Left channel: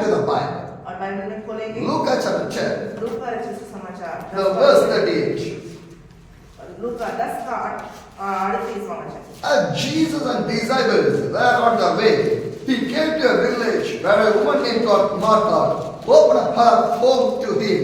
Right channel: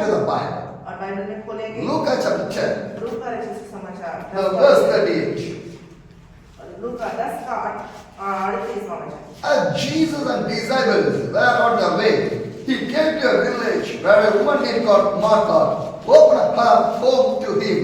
into the Bible. और बाइबल में खोलेंगे Luke chapter 10, लूका रचित सुसमाचार the verse 38. लूका 10 का 38वां वचन। Jesus and disciples were on the way. He came to a village where a woman named Martha opened her home to him.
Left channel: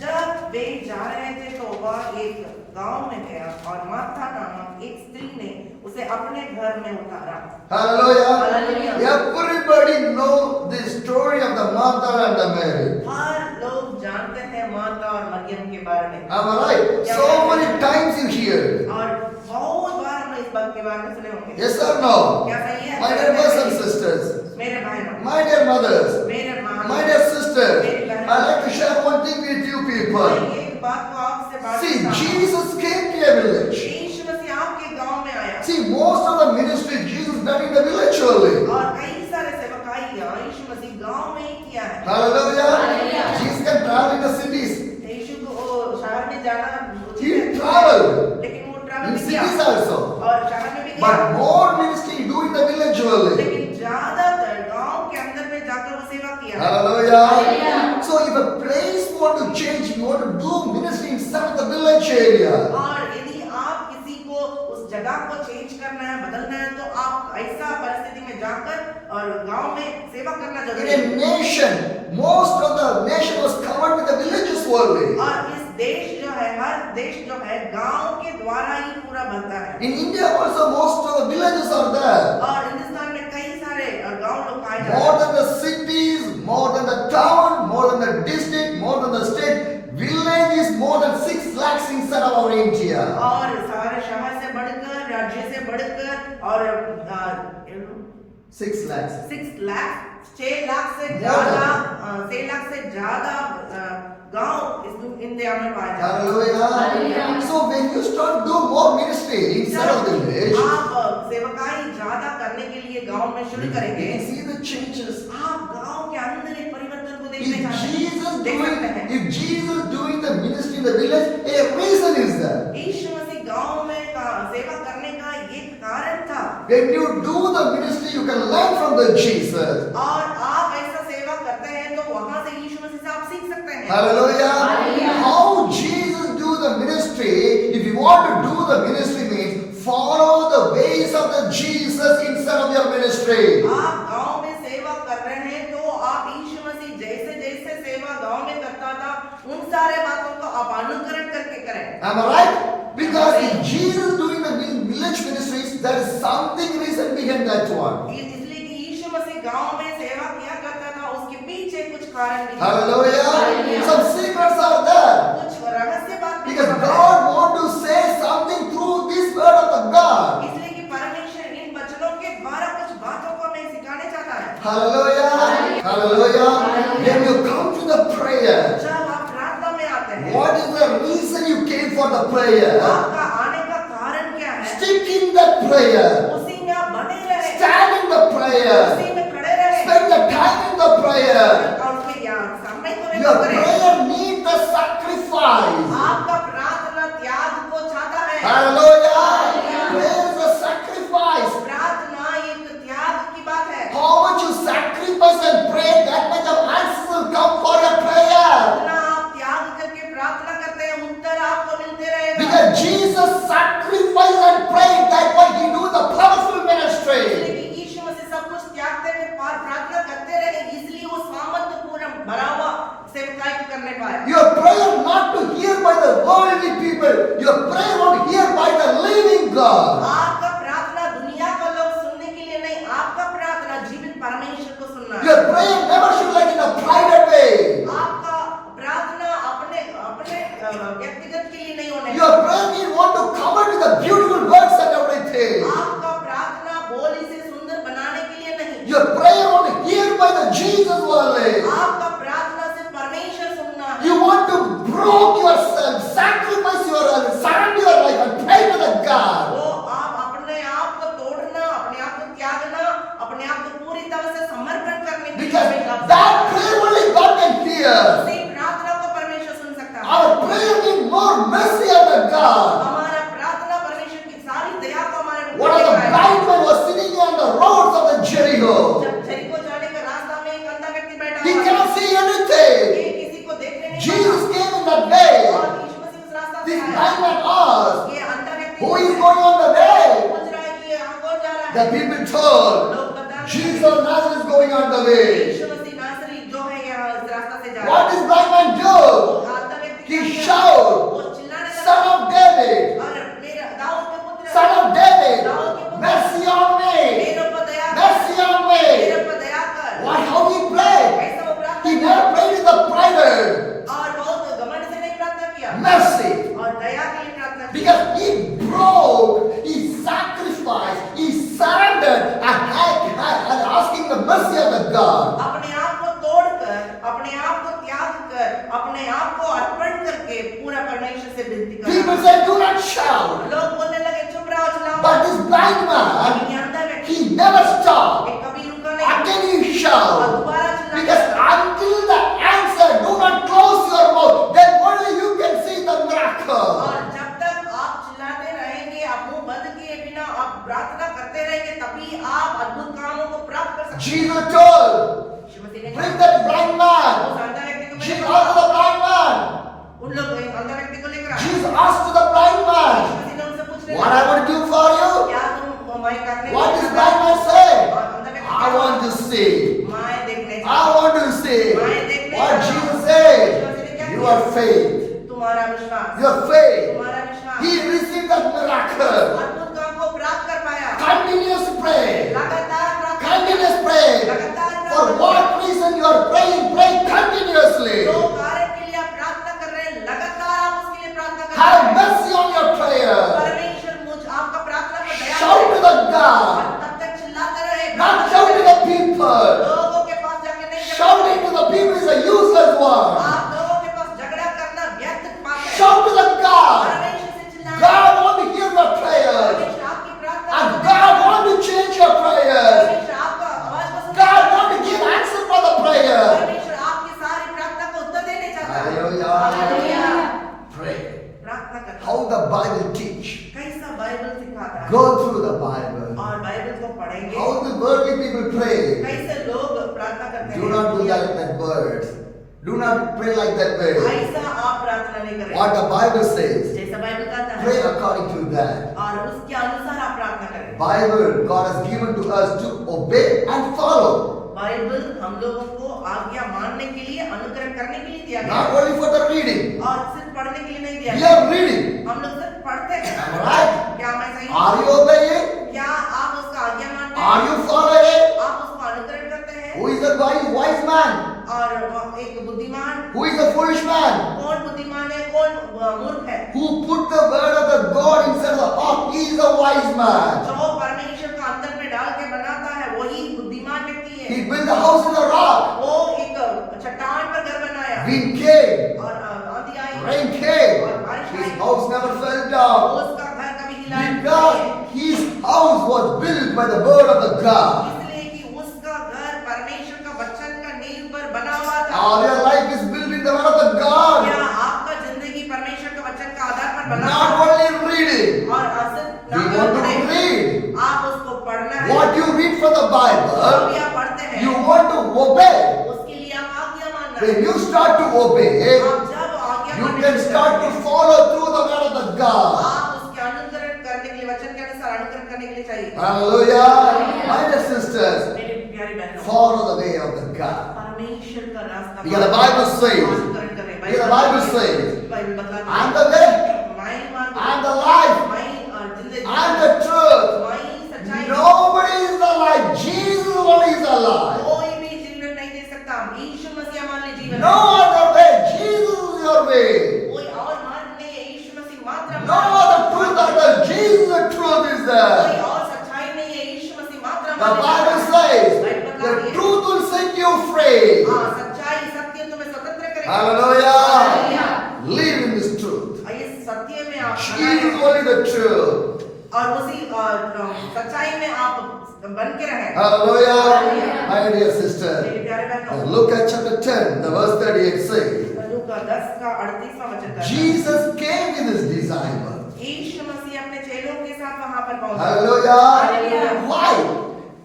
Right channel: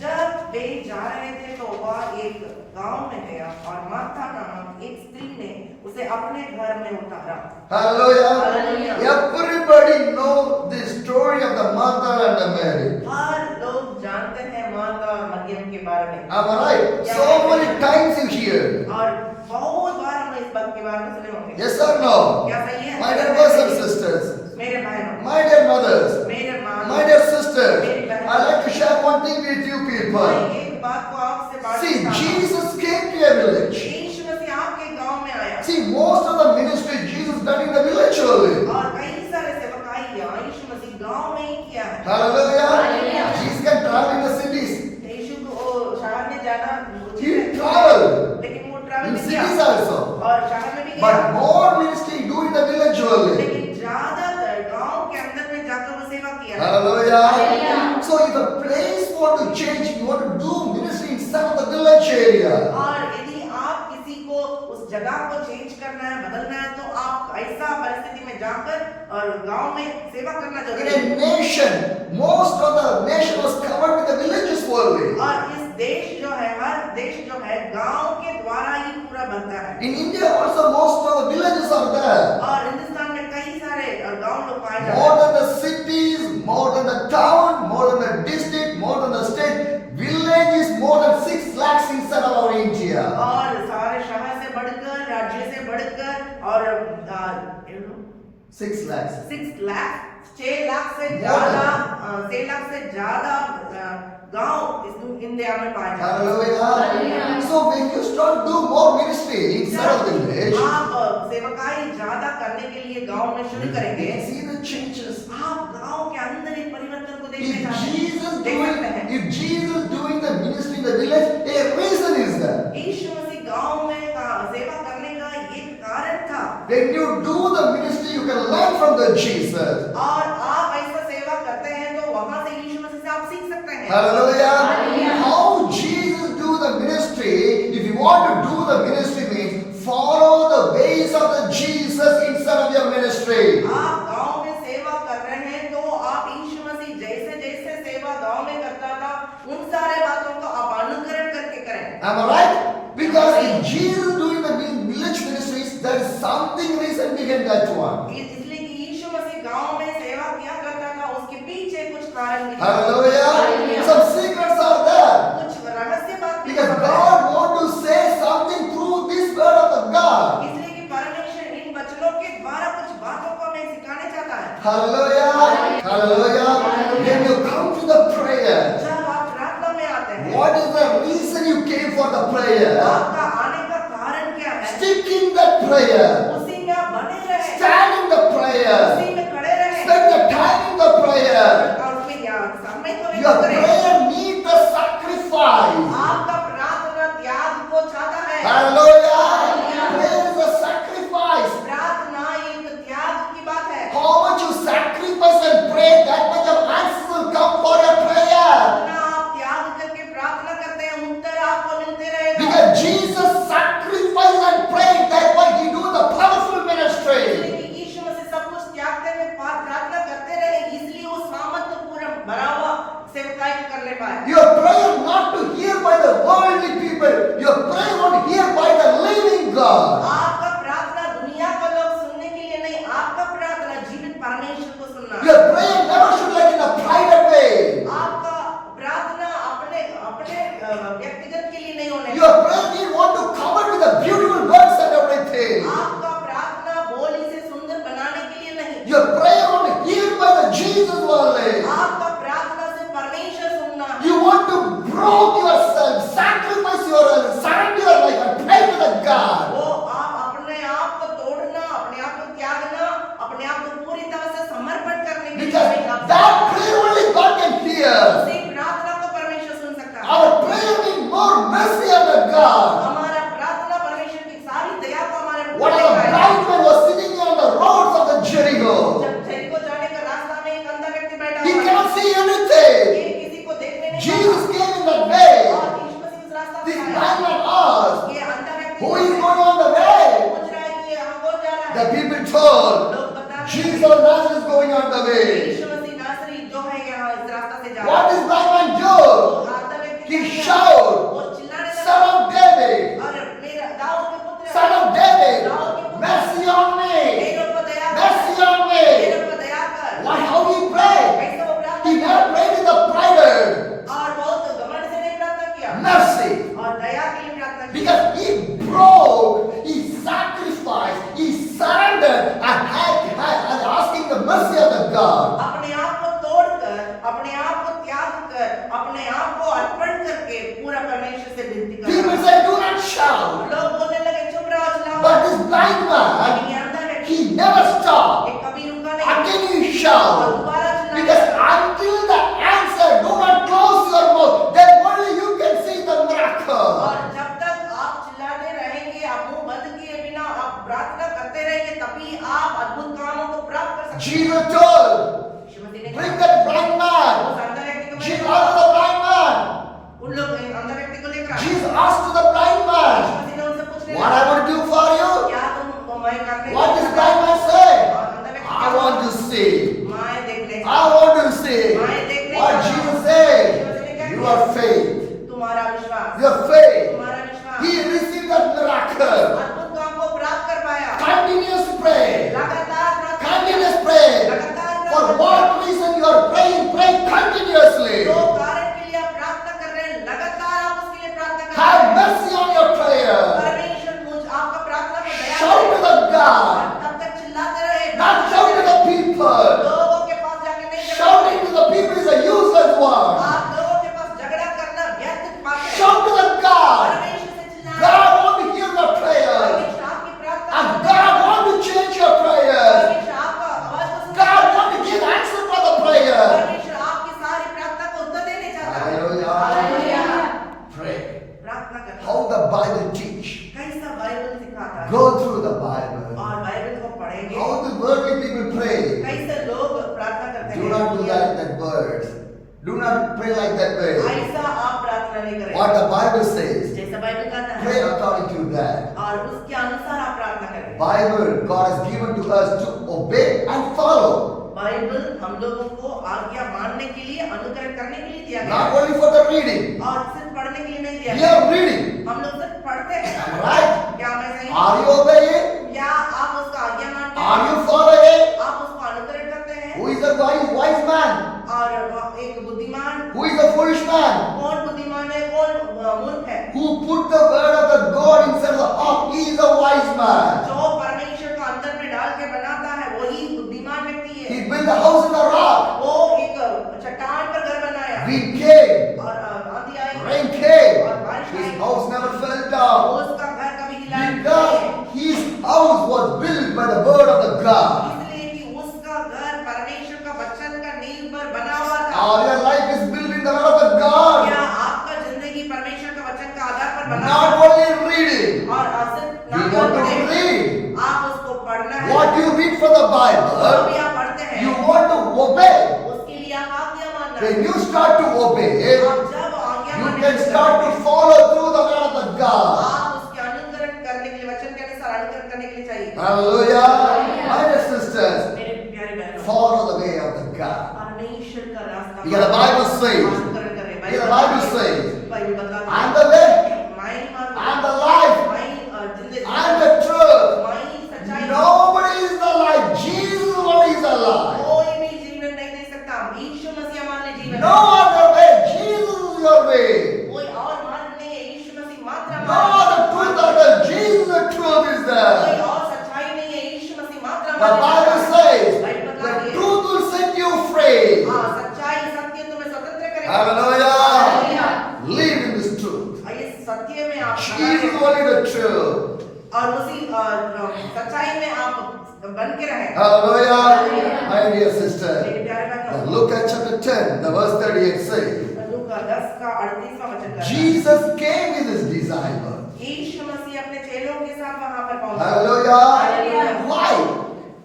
जब वे जा रहे थे तो वह एक गांव में गया और मार्था नामक एक स्त्री ने उसे अपने घर में उतारा। Hallelujah. Hallelujah. Everybody know the story of the Martha and the Mary. हर लोग जानते हैं मार्था और मरियम के बारे में। Am I right? So many times you hear. और बहुत बार हम इस बात के बारे में सुने होंगे। Yes or no? क्या सही है? My dear brothers and sisters, मेरे भाई बहन, my dear mothers, मेरे माँ, my dear sisters, I'd like to share one thing with you people. एक बात को आपसे बांटना See, चाहता हूँ। Jesus came to a village. यीशु मसीह आपके गांव में आया See, most of the ministry Jesus done in the village only. और कई सारे सेवकाई यीशु मसीह गांव में ही किया है। Hallelujah. Jesus can travel in the cities. यीशु को शहर में जाना He traveled लेकिन वो ट्रैवल in नहीं किया cities also. और शहर में भी गया But more ministry do in the village only. लेकिन ज्यादातर गांव के अंदर में जाकर वो सेवा किया है। Hallelujah. So if a place want to change, you want to do ministry in some of the village area. और यदि आप किसी को उस जगह को चेंज करना है बदलना है तो आप ऐसा परिस्थिति में जाकर और गांव में सेवा करना In जरूरी a है। nation, most of the nation was covered with the villages only. और इस देश जो है हर देश जो है गांव के द्वारा ही पूरा बनता है। In India also most of the villages are there. और हिंदुस्तान में कई सारे गांव लोग पाए जाते More हैं। than the cities, more than the town, more than the district, more than the state, village is more than 6 lakhs inside of our India. और सारे शहर से बढ़कर राज्य से बढ़कर और 6 lakhs. 6 लाख 6 लाख से ज्यादा गांव इस इंडिया में पाए जाते हैं। Hallelujah. So when you start do more ministry inside of the village, आप सेवकाई ज्यादा करने के लिए गांव में शुरू you करेंगे। see the changes. आप गांव के अंदर एक परिवर्तन को If देखने का Jesus देख सकते हैं। doing the ministry in the village, a reason is there. यीशु मसीह गांव में सेवा करने का एक कारण था। When you do the ministry, you can learn from the Jesus. और आप ऐसा सेवा करते हैं तो वहां से यीशु मसीह से आप सीख सकते हैं। Hallelujah. How Jesus do the ministry, if you want to do the ministry means follow the ways of the Jesus instead of your ministry. आप गांव में सेवा कर रहे हैं तो आप यीशु मसीह जैसे जैसे सेवा गांव में करता था उन सारे बातों को आप अनुकरण करके करें। Am I right? Because if Jesus doing the village ministries, there is something reason behind that one. इसलिए कि यीशु मसीह गांव में सेवा किया करता था उसके पीछे कुछ कारण भी थे। Hallelujah. Some secrets are there. कुछ रहस्य बात भी Because है। God want to say something through this word of the God. इसलिए कि परमेश्वर इन वचनों के द्वारा कुछ बातों को हमें सिखाने चाहता है। Hallelujah. Hallelujah. When you come to the prayer, जब आप प्रार्थना में आते हैं what is the reason you came for the prayer? आपका आने का कारण क्या है? Stick in that prayer. उसी में आप बने रहे, Stand in the prayer. उसी में खड़े रहे, Spend the time in the prayer. और उसके समय को Your व्यक्त करें। prayer needs the sacrifice. आपका प्रार्थना त्याग को चाहता है। Hallelujah. Prayer is a sacrifice. प्रार्थना एक त्याग की बात है। How much you sacrifice and pray, that much of answers will come for your prayer. जितना आप त्याग करके प्रार्थना करते हैं उत्तर आपको मिलते रहेगा। Because Jesus sacrificed and prayed, that's why he do the powerful ministry. इसलिए यीशु मसीह सब कुछ त्यागते हुए प्रार्थना करते रहे इसलिए वो सामर्थ्य पूरा भरा हुआ सेवकाई करने पाए। Your prayer not to hear by the worldly people, your prayer want to hear by the living God. आपका प्रार्थना दुनिया का लोग सुनने के लिए नहीं, आपका प्रार्थना जीवित परमेश्वर को सुनना है। Your prayer never should like in a private way. आपका प्रार्थना अपने व्यक्तिगत के लिए नहीं होने। Your prayer you want to cover with the beautiful words and everything. आपका प्रार्थना बोली से सुंदर बनाने के लिए नहीं। Your prayer want to hear by the Jesus only. आपका प्रार्थना से परमेश्वर सुनना। You want to broke yourself, sacrifice your surrender your life and pray to the God. वो आप अपने आप को तोड़ना, अपने आप को त्यागना, अपने आप को पूरी तरह से समर्पण करने के Because लिए that prayer only God can hear. उसी प्रार्थना को परमेश्वर सुन सकता है। Our prayer need more mercy of the God. हमारा प्रार्थना परमेश्वर की सारी दया को हमारे One of the blind men was sitting on the roads of the Jericho. जब जरीको जाने का रास्ता में एक अंधा व्यक्ति बैठा The people told, लोग बता रहे Jesus of Nazareth is going on the way. यीशु मसीह नासरी जो है यहाँ इस रास्ता से जा रहा What है does blind man do? आता व्यक्ति He क्या किया? shouted, वो चिल्लाने लगा Son of David, और मेरा दाऊद के पुत्र Son of David, mercy on me, मेरे ऊपर दया कर mercy on मेरे me. ऊपर दया कर What, how he prayed? ऐसा वो प्रार्थना He किया never prayed in the private. और बहुत घमंड से नहीं प्रार्थना किया Mercy. और दया के लिए प्रार्थना की Because he broke, he sacrificed, he surrendered and asking the mercy of the God. अपने आप को तोड़कर अपने आप को त्याग कर अपने आप को अर्पण करके पूरा परमेश्वर से विनती People कर say, do not shout. लोग बोलने लगे चुप रहो चिल्लाओ But this blind man, लेकिन ये अंधा व्यक्ति he never stopped. ये कभी रुका नहीं Again he और shout. दोबारा चिल्लाया Because until the answer, do not close your mouth. Then only you can see the miracle. और जब तक आप चिल्लाते रहेंगे आप मुंह बंद किए बिना आप प्रार्थना करते रहेंगे तभी आप अद्भुत कामों को प्राप्त कर सकते हैं Jesus told, श्रीमती ने bring कहा, that blind man. उस अंधा व्यक्ति को Jesus मैंने asked the blind man. उन लोग अंधा व्यक्ति को लेकर आए Jesus asked to the blind man, Shrimati ने उनसे पूछ what I will do for you? क्या तुम मैं करने What does blind man say? और अंधा व्यक्ति I want to see. मैं देखने I want to see. What Jesus said? Your faith. तुम्हारा विश्वास Your faith. तुम्हारा विश्वास He received that miracle. अद्भुत काम को प्राप्त कर पाया Continuous prayer. लगातार प्रार्थना Continuous prayer. लगातार For प्रार्थना what reason you are praying? Pray continuously. जो कारण के लिए आप प्रार्थना कर रहे हैं लगातार आप उसके लिए प्रार्थना कर Have रहे हैं mercy on your prayer. परमेश्वर मुझ आपका प्रार्थना पर दया Shout to करे the God. तब तक चिल्लाते रहे Not shout to the people. लोगों के पास जाके नहीं झगड़ा Shouting to the people is a useless one. आप लोगों के पास झगड़ा करना व्यर्थ बात है Shout to the God. परमेश्वर से चिल्लाना God want to hear your prayer. परमेश्वर आपकी प्रार्थना And को God want to change your prayer. परमेश्वर आपका आवाज को सुनता God है want to give answer for the prayer. परमेश्वर आपकी सारी प्रार्थना को उत्तर देने चाहता है Hallelujah. Hallelujah Pray. प्रार्थना करना How the Bible teach. कैसा बाइबल सिखाता है Go through the Bible. और बाइबल को पढ़ेंगे How the worldly people pray. कैसे लोग प्रार्थना करते Do not do हैं like that word. Do not pray like that way. ऐसा आप प्रार्थना नहीं करें What the Bible says. जैसा बाइबल कहता Pray है according to that. और उसके अनुसार आप प्रार्थना करें Bible God has given to us to obey and follow. Bible हम लोगों को आज्ञा मानने के लिए अनुकरण करने के लिए दिया गया Not है। only for the reading. और सिर्फ पढ़ने के लिए नहीं दिया We गया are reading. हम लोग सिर्फ पढ़ते हैं Am I right? क्या मैं सही Are you obeying? क्या आप उसका आज्ञा मानते Are हैं you following? आप उसको अनुकरण करते हैं Who is the wise man? और एक बुद्धिमान Who is the foolish man? कौन बुद्धिमान है कौन मूर्ख है Who put the word of the God inside the heart? He is the wise man. जो परमेश्वर का अंदर में डाल के बनाता है वही बुद्धिमान व्यक्ति है He built the house in the rock. वो एक चट्टान पर घर बनाया Wind came, और आंधी आई rain came. और बारिश His आई house never fell down. उसका घर कभी हिला नहीं Because his house was built by the word of the God. इसलिए कि उसका घर परमेश्वर का वचन का नींव पर बना हुआ था Our life is built in the word of the God. क्या आपका जिंदगी परमेश्वर का वचन का आधार पर बना Not हुआ only reading. है और सिर्फ We want to read. आप उसको पढ़ना है What you read from the जो Bible, भी आप पढ़ते हैं you want to obey. उसके लिए आप आज्ञा मानना है When you start to obey, आप जब आज्ञा you मानने can लगते start हैं, to follow through the word of the God. आप उसके अनुकरण करने के लिए वचन के अनुसार अनुकरण करने के लिए चाहिए Hallelujah. My dear sisters, मेरे प्यारे बहनों follow the way of the God. परमेश्वर का रास्ता Because the Bible says, अनुकरण करें because the Bible says, Bible बताता I am है the way, मैं ही मार्ग I am the life, मैं ही जिंदगी I am the truth. मैं ही सच्चाई Nobody is the life. Jesus only is the life. कोई भी जीवन नहीं दे सकता यीशु मसीह मान ले जीवन No other way. Jesus is your way. कोई और मार्ग नहीं है यीशु मसीह मात्र No other truth other than Jesus. The truth is कोई there. और सच्चाई नहीं है यीशु मसीह मात्र The Bible says the truth will set you free. हाँ सच्चाई सत्य तुम्हें स्वतंत्र करेगा Hallelujah. Hallelujah. Live in this truth. और ये सत्य में आप Jesus only the truth. और उसी सच्चाई में आप बन के रहें Hallelujah. My dear sister. मेरे प्यारे बहनों Look at chapter 10, the verse 38 says, लूका 10 का 38वां वचन कहता है, Jesus came with his disciples. यीशु मसीह अपने चेलों के साथ वहां पर पहुंचा Hallelujah. Hallelujah. Why?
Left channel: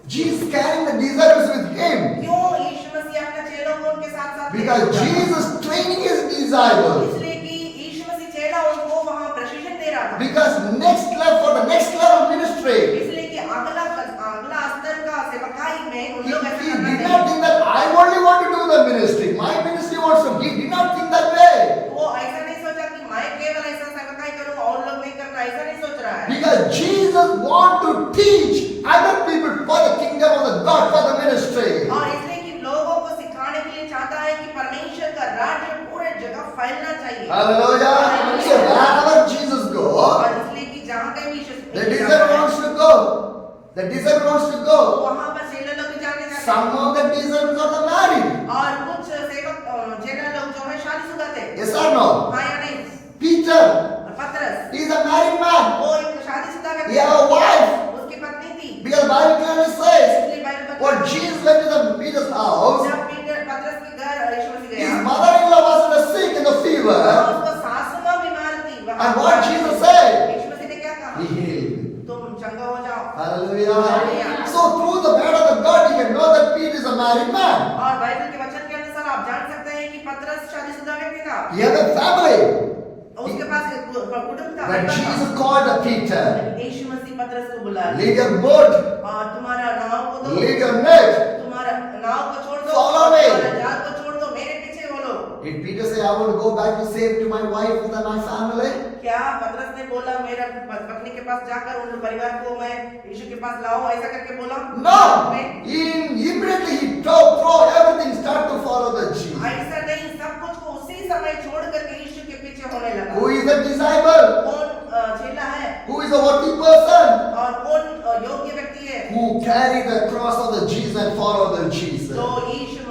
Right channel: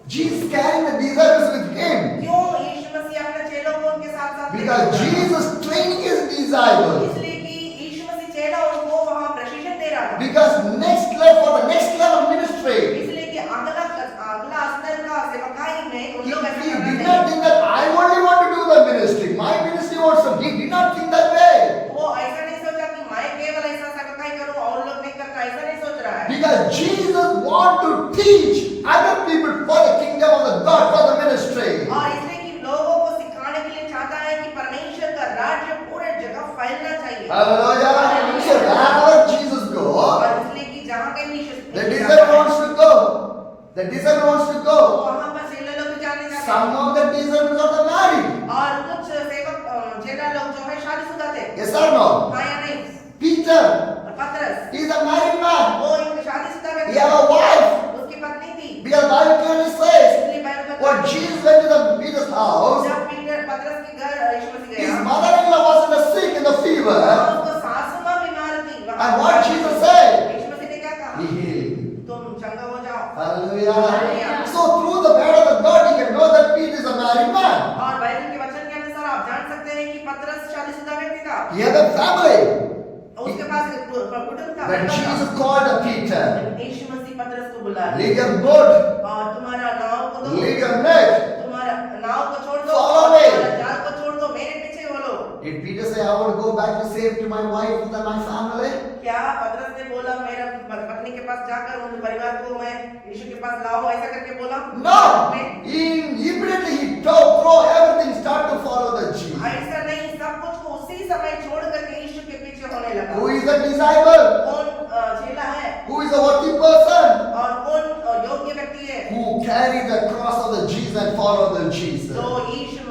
Jesus carrying the disciples with him. क्यों यीशु मसीह अपने चेलों को उनके साथ साथ Because Jesus training his disciples. इसलिए कि यीशु मसीह चेला उनको वहां प्रशिक्षण दे रहा था Because next level for the next level ministry. इसलिए कि सेवकाई में उन He लोग ऐसा did करना not think that I only want to do the ministry. My ministry wants to. He did not think that way. वो ऐसा नहीं सोचा कि मैं केवल ऐसा सेवकाई करूं और लोग नहीं करना, ऐसा नहीं सोच रहा है। Because Jesus wants to teach other people for the kingdom of the God, for the ministry. और इसलिए कि लोगों को सिखाने के लिए चाहता है कि परमेश्वर का राज्य पूरे जगह फैलना चाहिए। Hallelujah. So wherever Jesus goes, और इसलिए कि जहाँ कहीं भी the disciple wants to go. The disciple wants to go. वहाँ पर चेला लोग भी जाने लगे। Some of the disciples are married. और कुछ सेवक चेला लोग जो है शादीशुदा थे। Yes or no? हाँ या नहीं? Peter, पतरस, he is a married man. वो एक शादीशुदा व्यक्ति He has a wife. उसकी पत्नी थी। Because the Bible clearly says, इसलिए Bible when Jesus went to the Peter's house, जब पीटर पतरस के घर यीशु मसीह his गया, mother-in-law was in the sick in the और fever. उसको सासू माँ बीमार थी। And what Jesus said? यीशु मसीह ने क्या कहा? Be healed. तुम चंगा हो जाओ। Hallelujah. So through the word of the God, you can know that Peter is a married man. और बाइबल के वचन के अनुसार आप जान सकते हैं कि पतरस शादीशुदा व्यक्ति था। He had a family. उसके पास एक कुटुंब था। When Jesus called the Peter, यीशु मसीह पतरस को बुलाया leave your boat, और तुम्हारा नाव को दो, leave your net. तुम्हारा नाव को छोड़ दो, Follow me. तुम्हारा जाल को छोड़ दो, मेरे पीछे बोलो। Did Peter say, I want to go back to save to my wife and my family? क्या पतरस ने बोला मेरा पत्नी के पास जाकर उन परिवार को मैं यीशु के पास लाओ, ऐसा करके बोला? No. Immediately he throw everything, start to follow the Jesus. ऐसा नहीं, सब कुछ को उसी समय छोड़ करके यीशु के पीछे होने लगा। Who is the disciple? कौन चेला है Who is a worthy person? और कौन योग्य व्यक्ति है? Who carry the cross of the Jesus and follow the Jesus. जो यीशु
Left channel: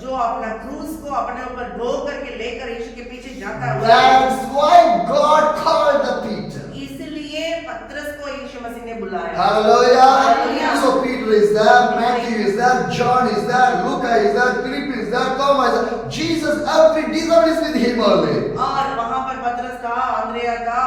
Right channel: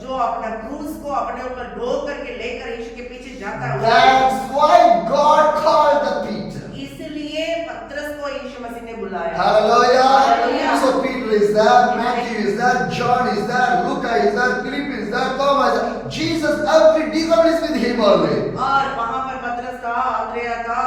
जो अपना क्रूस को अपने ऊपर ढो करके लेकर यीशु के पीछे जाता है। That's why God called the Peter. इसलिए पतरस को यीशु मसीह ने बुलाया। Hallelujah. Hallelujah. So Peter is there, Matthew is there, John is there, Luca is there, Philip is there, Thomas is there. Jesus, every disciple is with him only. और वहाँ पर पतरस था, अंद्रेया था,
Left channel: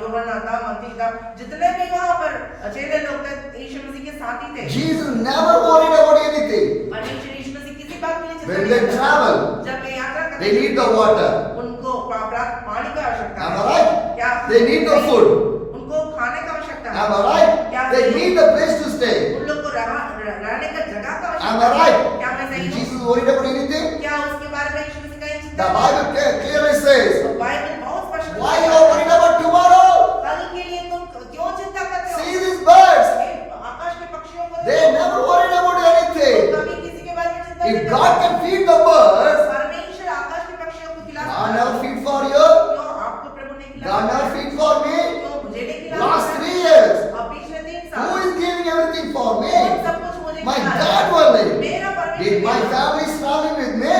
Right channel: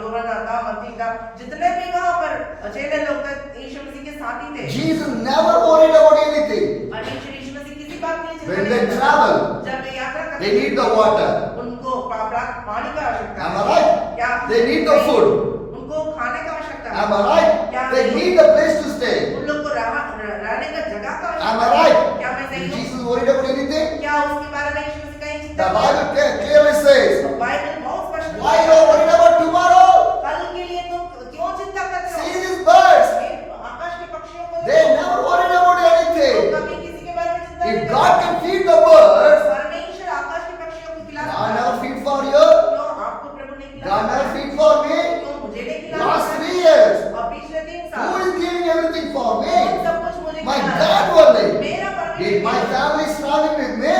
यूहन्ना था, मत्ती था, जितने भी वहाँ पर चेले लोग थे यीशु मसीह के साथी थे। Jesus never worried about anything. और यीशु मसीह किसी बात के लिए चिंता When नहीं they करता। travel, जब वे यात्रा करते they need the water. उनको पानी का आवश्यकता Am है। I right? क्या They need the food. उनको खाने का आवश्यकता है। Am I right? They need a place to stay. उन लोग को रहने का जगह का Am I आवश्यकता है। right? क्या मैं सही Is हूँ? Jesus worried about anything? क्या उसके बारे में यीशु मसीह कहीं चिंता The नहीं? Bible clearly says, बाइबल बहुत स्पष्ट है। why you are worried about tomorrow? कल के लिए तुम क्यों चिंता करते हो? See these birds. आकाश के पक्षियों को They देखो। never worried about anything. कभी किसी के बारे में चिंता नहीं If करते। God can feed the birds, परमेश्वर आकाश के पक्षियों को खिला God सकता never है। feed for you. क्यों आपको प्रभु ने खिलाया? God never feed for me. क्यों मुझे नहीं खिलाया? Last 3 years, और पिछले 3 who साल is giving everything for कौन me? सब कुछ मुझे My खिलाया? God only. मेरा Did my परमेश्वर family is traveling with me?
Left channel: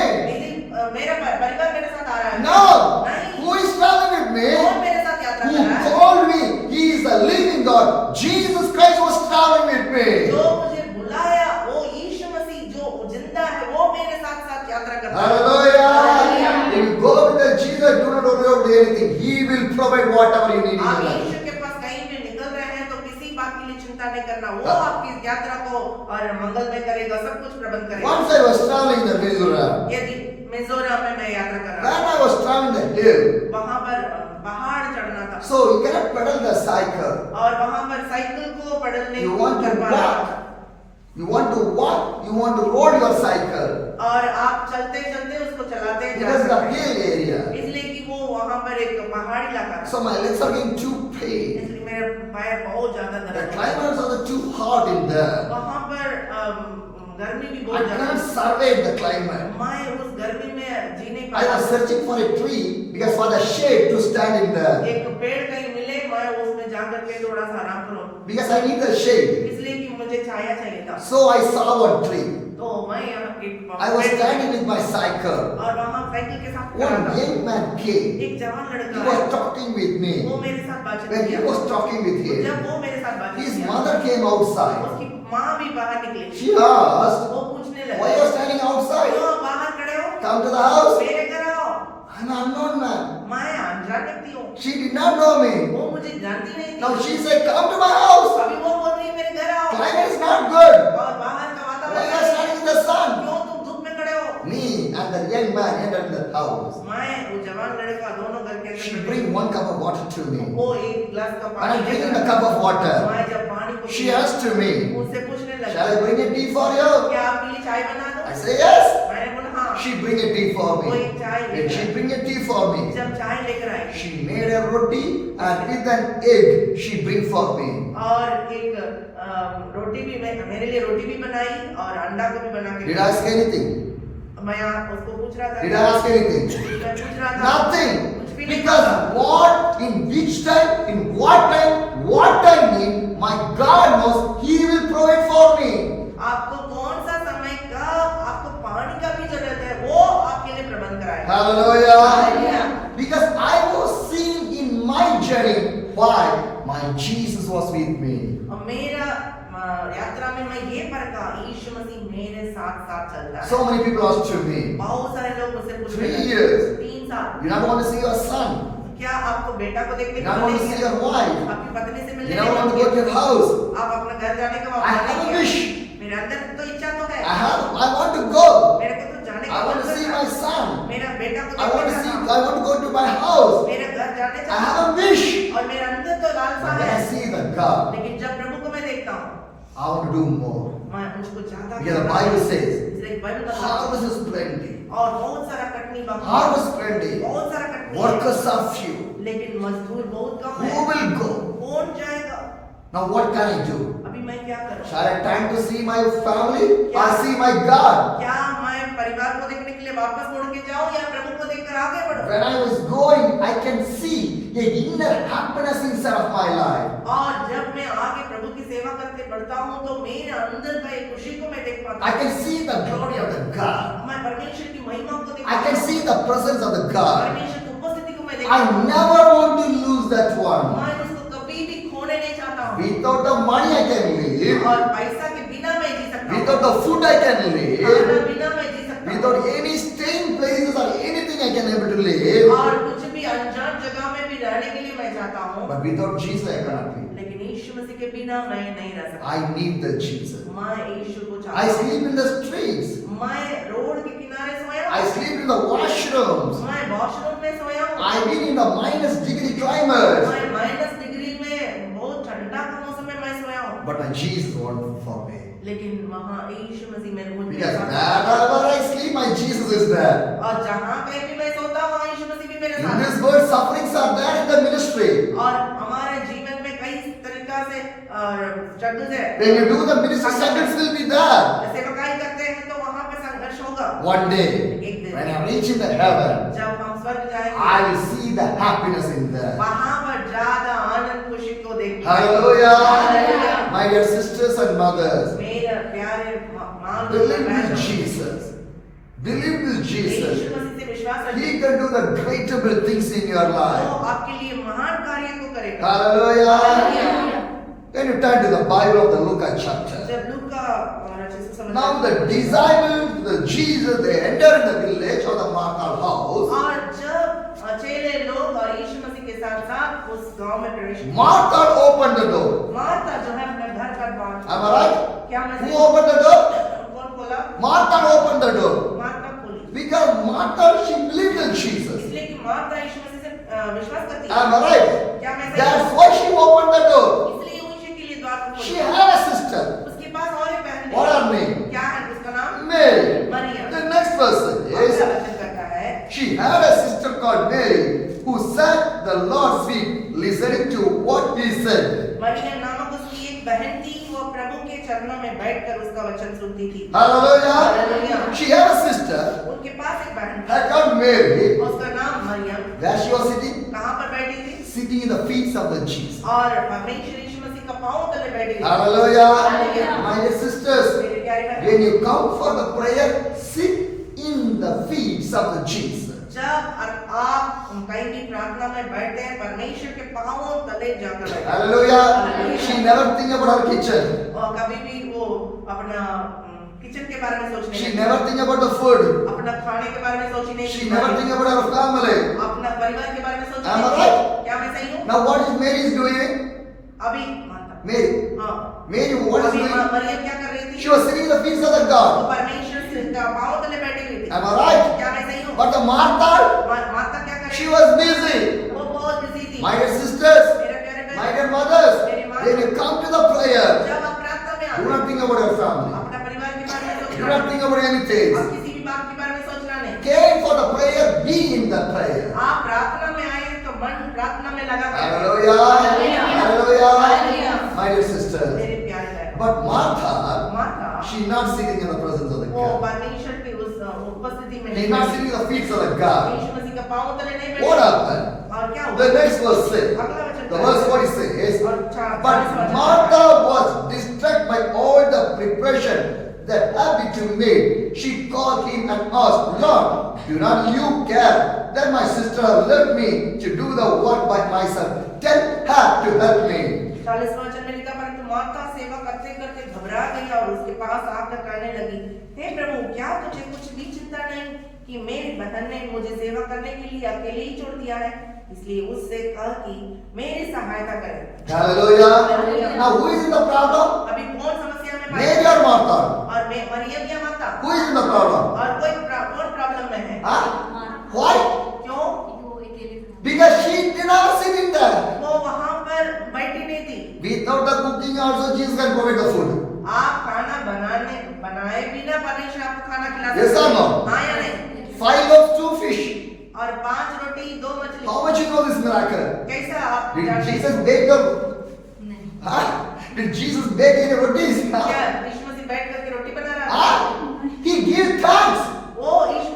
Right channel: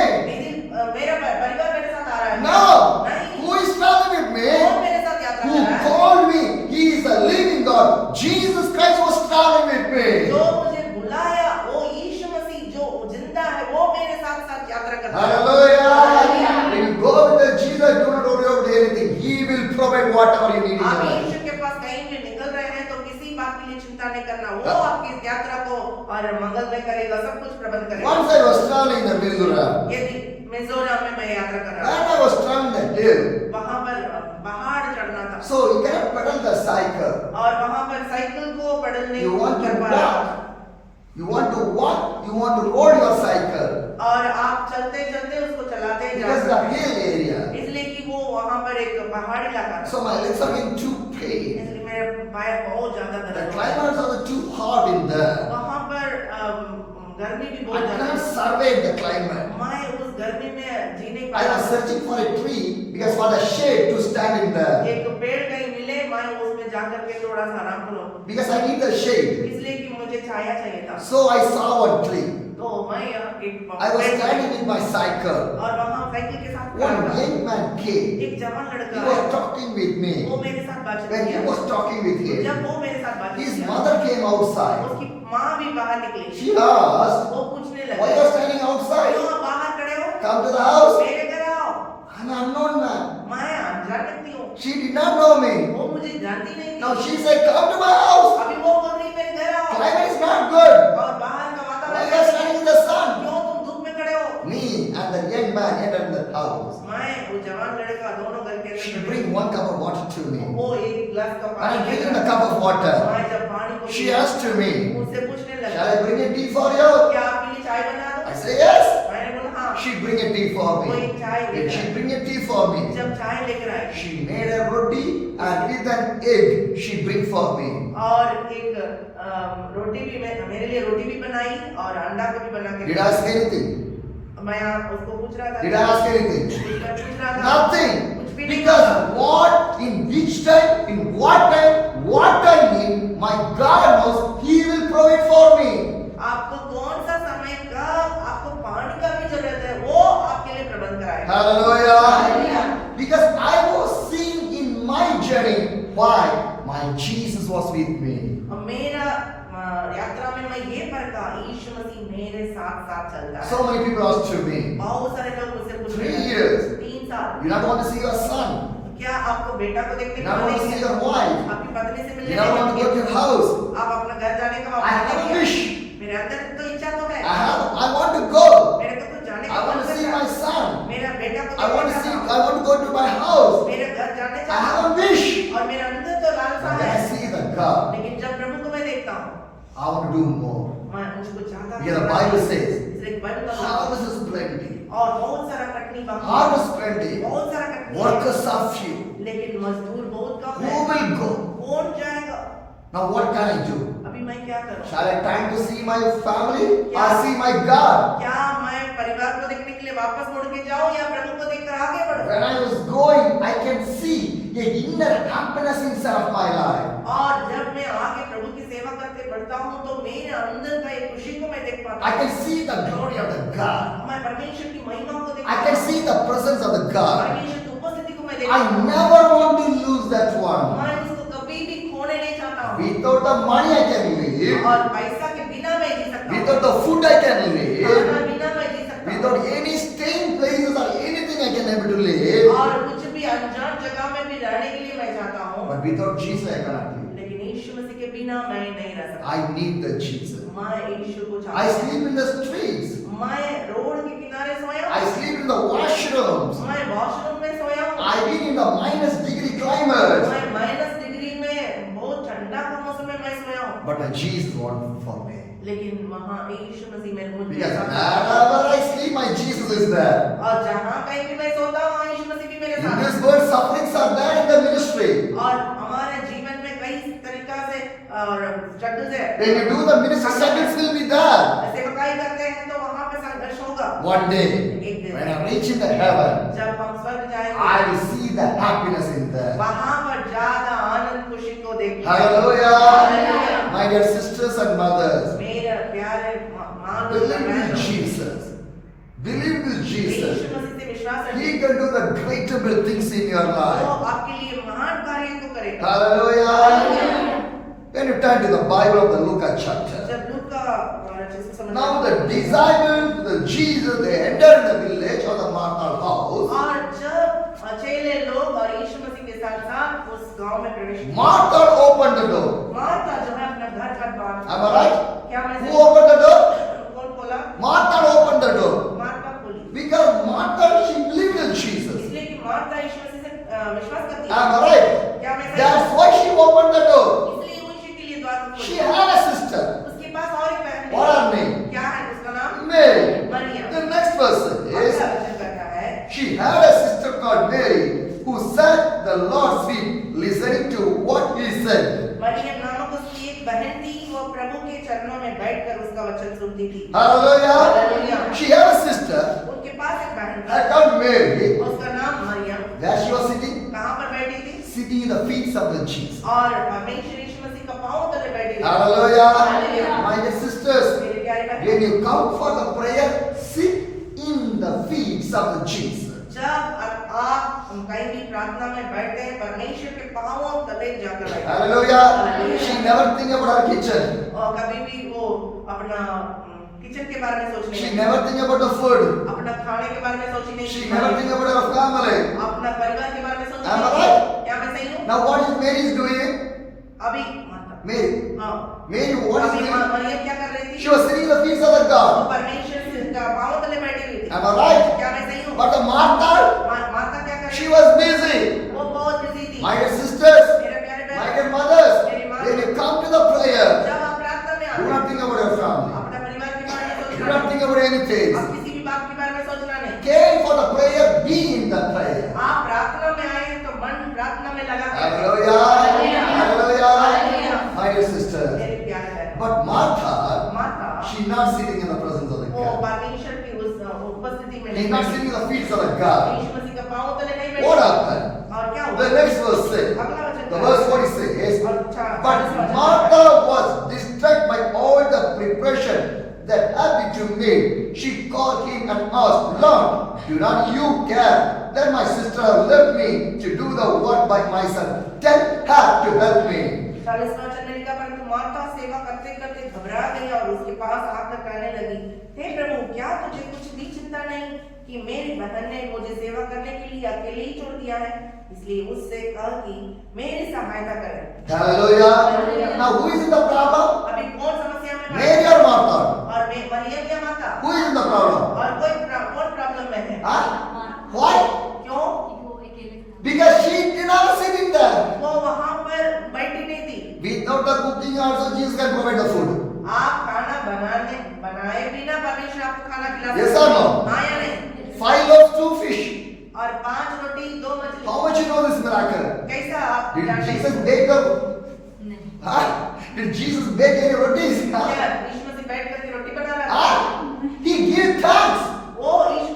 मेरा परिवार मेरे साथ आ रहा है। No. नहीं। Who is traveling with कौन me? मेरे साथ यात्रा Who कर रहा है? called me? He is the living God. Jesus Christ was traveling with me. जो मुझे बुलाया वो यीशु मसीह जो जिंदा है वो मेरे साथ साथ यात्रा करता है। Hallelujah. Hallelujah. If you go with the Jesus, do not worry about anything. He will provide whatever you need in आप your life. यीशु के पास कहीं भी निकल रहे हैं तो किसी बात के लिए चिंता नहीं करना। वो आपकी यात्रा को और मंगलमय करेगा, सब कुछ प्रबंध करेगा। Once I was traveling in the Mizoram. यदि मिजोरम में मैं यात्रा कर रहा When था, I was traveling the hill, वहाँ पर पहाड़ चढ़ना था so you cannot pedal the cycle. और वहाँ पर साइकिल को pedal नहीं You want कर to पा रहा walk. था। You want to walk. You want to roll your cycle. और आप चलते चलते उसको चलाते जा Because सकते the हैं। hill area. इसलिए कि वो वहाँ पर एक पहाड़ी इलाका था। So my legs are getting too pain. इसलिए मेरे पैर बहुत ज्यादा The दर्द हो रहा climates are too hot in there. था। वहाँ पर गर्मी भी I बहुत ज्यादा can't थी। survive the climate. मैं उस गर्मी में जी नहीं I पाया। was searching for a tree because for the shade to stand in there. एक पेड़ कहीं मिले, मैं उसमें जाकर के थोड़ा सा आराम करूं, Because I need the shade. इसलिए कि मुझे छाया चाहिए था। So I saw one tree. तो मैं यहाँ एक I was पेड़ standing with my cycle. और वहाँ साइकिल के साथ खड़ा One था। young man came. एक जवान He लड़का was आया। talking with वो me. मेरे साथ बातचीत When he किया। was talking with him, जब वो मेरे साथ बातचीत his किया, mother came outside. उसकी माँ भी बाहर निकली। She asked, वो पूछने why लगी, are you standing outside? क्यों आप बाहर खड़े हो? Come to the house. मेरे घर आओ। An unknown man. मैं अनजान व्यक्ति हूँ। She did not know me. वो मुझे जानती नहीं थी। Now she said, come to my house. अभी वो बोल रही मेरे घर आओ। Climate is not good. और बाहर का Why वातावरण are you standing in the sun? क्यों तुम धूप में खड़े हो? me and the young man entered the house. मैं वो जवान लड़का दोनों घर के She अंदर bring one cup of water to me. वो एक गिलास का And पानी I'm drinking a cup of water. मैं जब पानी को She पिया, asked to me, मुझसे पूछने लगी, shall I bring a tea for you? क्या आपके लिए चाय बना दूं? I say yes. मैंने बोला हाँ। She bring a tea for वो me. एक चाय Then लेकर she आई। bring a tea for me. जब चाय लेकर आई She made a roti and with an egg she bring for me. और एक रोटी भी मेरे लिए रोटी भी बनाई और अंडा को भी बना के Did I ask anything? मैं उसको पूछ रहा था Did I ask anything? मैं पूछ रहा था Nothing. कुछ भी नहीं Because कहा। what, in which time, in what time, what I need, my God knows He will provide for me. आपको कौन सा समय कब आपको पानी का भी जरूरत है वो आपके लिए प्रबंध कराएगा। Hallelujah. Hallelujah. Because I was seeing in my journey why my Jesus was with me. और मेरा यात्रा में मैं ये परखा यीशु मसीह मेरे साथ साथ चलता है। So many people asked to me, बहुत सारे लोग मुझसे पूछ 3 रहे हैं, years, 3 साल you not want to see your son, क्या आपको बेटा को देखने you not want to see your wife, आपकी पत्नी से you मिलने not want to go to your house. आप अपना घर जाने का I have a wish. मेरे अंदर तो इच्छा तो है I want to go. मेरे को तो जाने I want to see my son. मेरा बेटा को I want to see. देखना I want to go to my house. मेरा घर जाने I have a wish. और मेरे अंदर तो लालसा But when है I see the God, लेकिन जब प्रभु को मैं देखता हूँ I want to do more. मैं मुझको चाहता Because the Bible says, इसलिए बाइबल का harvest is plenty. और बहुत सारा कटनी बाकी Harvest plenty. बहुत सारा कटनी Workers are few. लेकिन मजदूर बहुत कम Who है will go? कौन जाएगा Now what can I do? अभी मैं क्या करूं Shall I time to see my family or see my God? क्या मैं परिवार को देखने के लिए वापस मुड़ के जाऊं या प्रभु को देखकर आगे बढ़ूं When I was going, I can see the inner happiness inside of my life. और जब मैं आगे प्रभु की सेवा करते बढ़ता हूं तो मेरे अंदर का एक खुशी को मैं देख पाता I can see the glory of the God. मैं परमेश्वर की महिमा को देख I can see the presence of the God. परमेश्वर की उपस्थिति को मैं देख I never want to lose that one. मैं उसको कभी भी खोने नहीं चाहता हूं Without the money I can live. और पैसा के बिना मैं जी सकता हूं Without the food I can खाना live. बिना मैं जी सकता हूं Without any staying places or anything I can able to live. और कुछ भी अनजान जगह में भी रहने के लिए मैं चाहता हूं But without Jesus I cannot live. लेकिन यीशु मसीह के बिना मैं नहीं रह सकता I need the Jesus. मैं यीशु को I चाहता हूं sleep in the streets. मैं रोड के किनारे सोया I sleep in the washrooms. मैं वॉशरूम में सोया हूं I've been in the minus degree climates. मैं माइनस डिग्री में बहुत ठंडा का मौसम में मैं सोया हूं But my Jesus wanted for me. लेकिन वहां यीशु मसीह मेरे मुझ में Because साथ wherever I sleep, my Jesus is there. और जहां कहीं भी मैं सोता हूं वहां यीशु मसीह भी मेरे In साथ this world, sufferings are there in the ministry. और हमारे जीवन में कई तरीका से स्ट्रगल्स है When you do the ministry, struggles will be there. सेवकाई करते हैं तो वहां पे संघर्ष होगा One day, when I reach in the heaven, जब हम स्वर्ग जाएंगे I will see the happiness in there. वहां पर ज्यादा आनंद खुशी को देखेंगे Hallelujah. Hallelujah. My dear sisters and mothers, मेरे प्यारे मां believe in Jesus. Believe in Jesus. Yeshu मसीह से विश्वास रखिए He can do the greatable things in your वो life. आपके लिए महान कार्य को करेगा Hallelujah. Hallelujah. When you turn to the Bible of the Luca chapter. जब लूका Now the disciples, the Jesus, they enter the village of the Martha house. और जब चेले लोग और यीशु मसीह के साथ साथ उस गांव में प्रवेश किया Martha opened the door. Martha जो है अपना घर का द्वार Am I right? क्या मैं Who opened the door? कौन खोला Martha opened the door. Martha खोली Because Martha, she believed in Jesus. इसलिए कि मार्था यीशु मसीह से विश्वास करती है Am I right? क्या मैं That's why she opened the door. इसलिए यीशु के लिए द्वार को She खोला had a sister. उसके पास और एक बहन What है her name? क्या है उसका नाम Mary. मरियम The next person अगला is वचन कहता है she had a sister called Mary who sat at the Lord's feet listening to what he said. Maryam नामक उसकी एक बहन थी वो प्रभु के चरणों में बैठकर उसका वचन सुनती थी Hallelujah. Hallelujah. She had a sister उनके पास एक बहन her called Mary. थी उसका नाम Maryam Where she was sitting? कहाँ पर बैठी थी Sitting in the feet of the Jesus. और परमेश्वर यीशु मसीह का पांव तले बैठी थी Hallelujah. Hallelujah. My dear sisters, मेरे प्यारे बहन when you come for the prayer, sit in the feet of the Jesus. जब आप कहीं भी प्रार्थना में बैठते हैं परमेश्वर के पांवों तले जाकर बैठते हैं Hallelujah. Hallelujah. She never think about her kitchen. और कभी भी वो अपना किचन के बारे में सोच नहीं She रही। never think about the food. अपना खाने के बारे में सोची नहीं She never think about her family. अपना परिवार के बारे में सोची Am I नहीं। right? क्या मैं सही हूँ Now what is Mary is doing? अभी माता Mary. हाँ Mary, what is अभी doing? मरियम क्या कर रही थी She was sitting in the feet of the वो God. परमेश्वर से का पांव तले बैठी हुई थी Am I right? क्या मैं सही हूँ? But the Martha, माता क्या करे? she was busy. वो बहुत बिजी थी। My dear sisters, मेरे प्यारे my बहन, dear mothers, when you come to the prayer, जब आप प्रार्थना में do आते not think about your family. अपने परिवार के बारे में Do सोचना not नहीं। think about anything. आप किसी भी बात के बारे में सोचना नहीं। Came for the prayer, be in the prayer. आप प्रार्थना में आए हैं तो मन प्रार्थना में लगा के Hallelujah. Hallelujah. Hallelujah. My dear sisters. मेरे प्यारे बहन, But Martha, माता she's not sitting in the presence of the वो God. परमेश्वर की उस उपस्थिति में She's not sitting at the feet of the God. यीशु मसीह का पांव तले नहीं What बैठी। happened? और क्या हुआ? The next verse says, अगला वचन the verse 40 says, but Martha was distracted by all the preparation that had been to made. She called him and asked, Lord, do not you care that my sister left me to do the work by myself? Tell her to help me. 40 वचन में लिखा, परंतु माता सेवा करते करते घबरा गई और उसके पास आकर कहने लगी, हे प्रभु, क्या तुझे कुछ भी चिंता नहीं कि मेरी बहन ने मुझे सेवा करने के लिए अकेले ही छोड़ दिया है? इसलिए उससे कह कि मेरी सहायता करे। Hallelujah. Now who is in the problem? अभी कौन समस्या में पड़ा? Mary or Martha? और मरियम या माता? Who is in the problem? और कौन प्रॉब्लम में है? Huh? Why? क्यों? Because she did not sit in there. वो वहां पर बैठी नहीं थी। Without the cooking also Jesus can provide the food. आप खाना बनाए बिना परमेश्वर आपको खाना खिला Yes or no? हाँ या नहीं? 5 loaves, 2 fish. और 5 रोटी 2 मछली। How much you know this miracle? कैसा आप Did जानते Jesus हैं? bake the? Huh? Did Jesus bake any rotis? क्या Huh? यीशु मसीह बैठ करके रोटी बना रहा है? Huh? He gave thanks. वो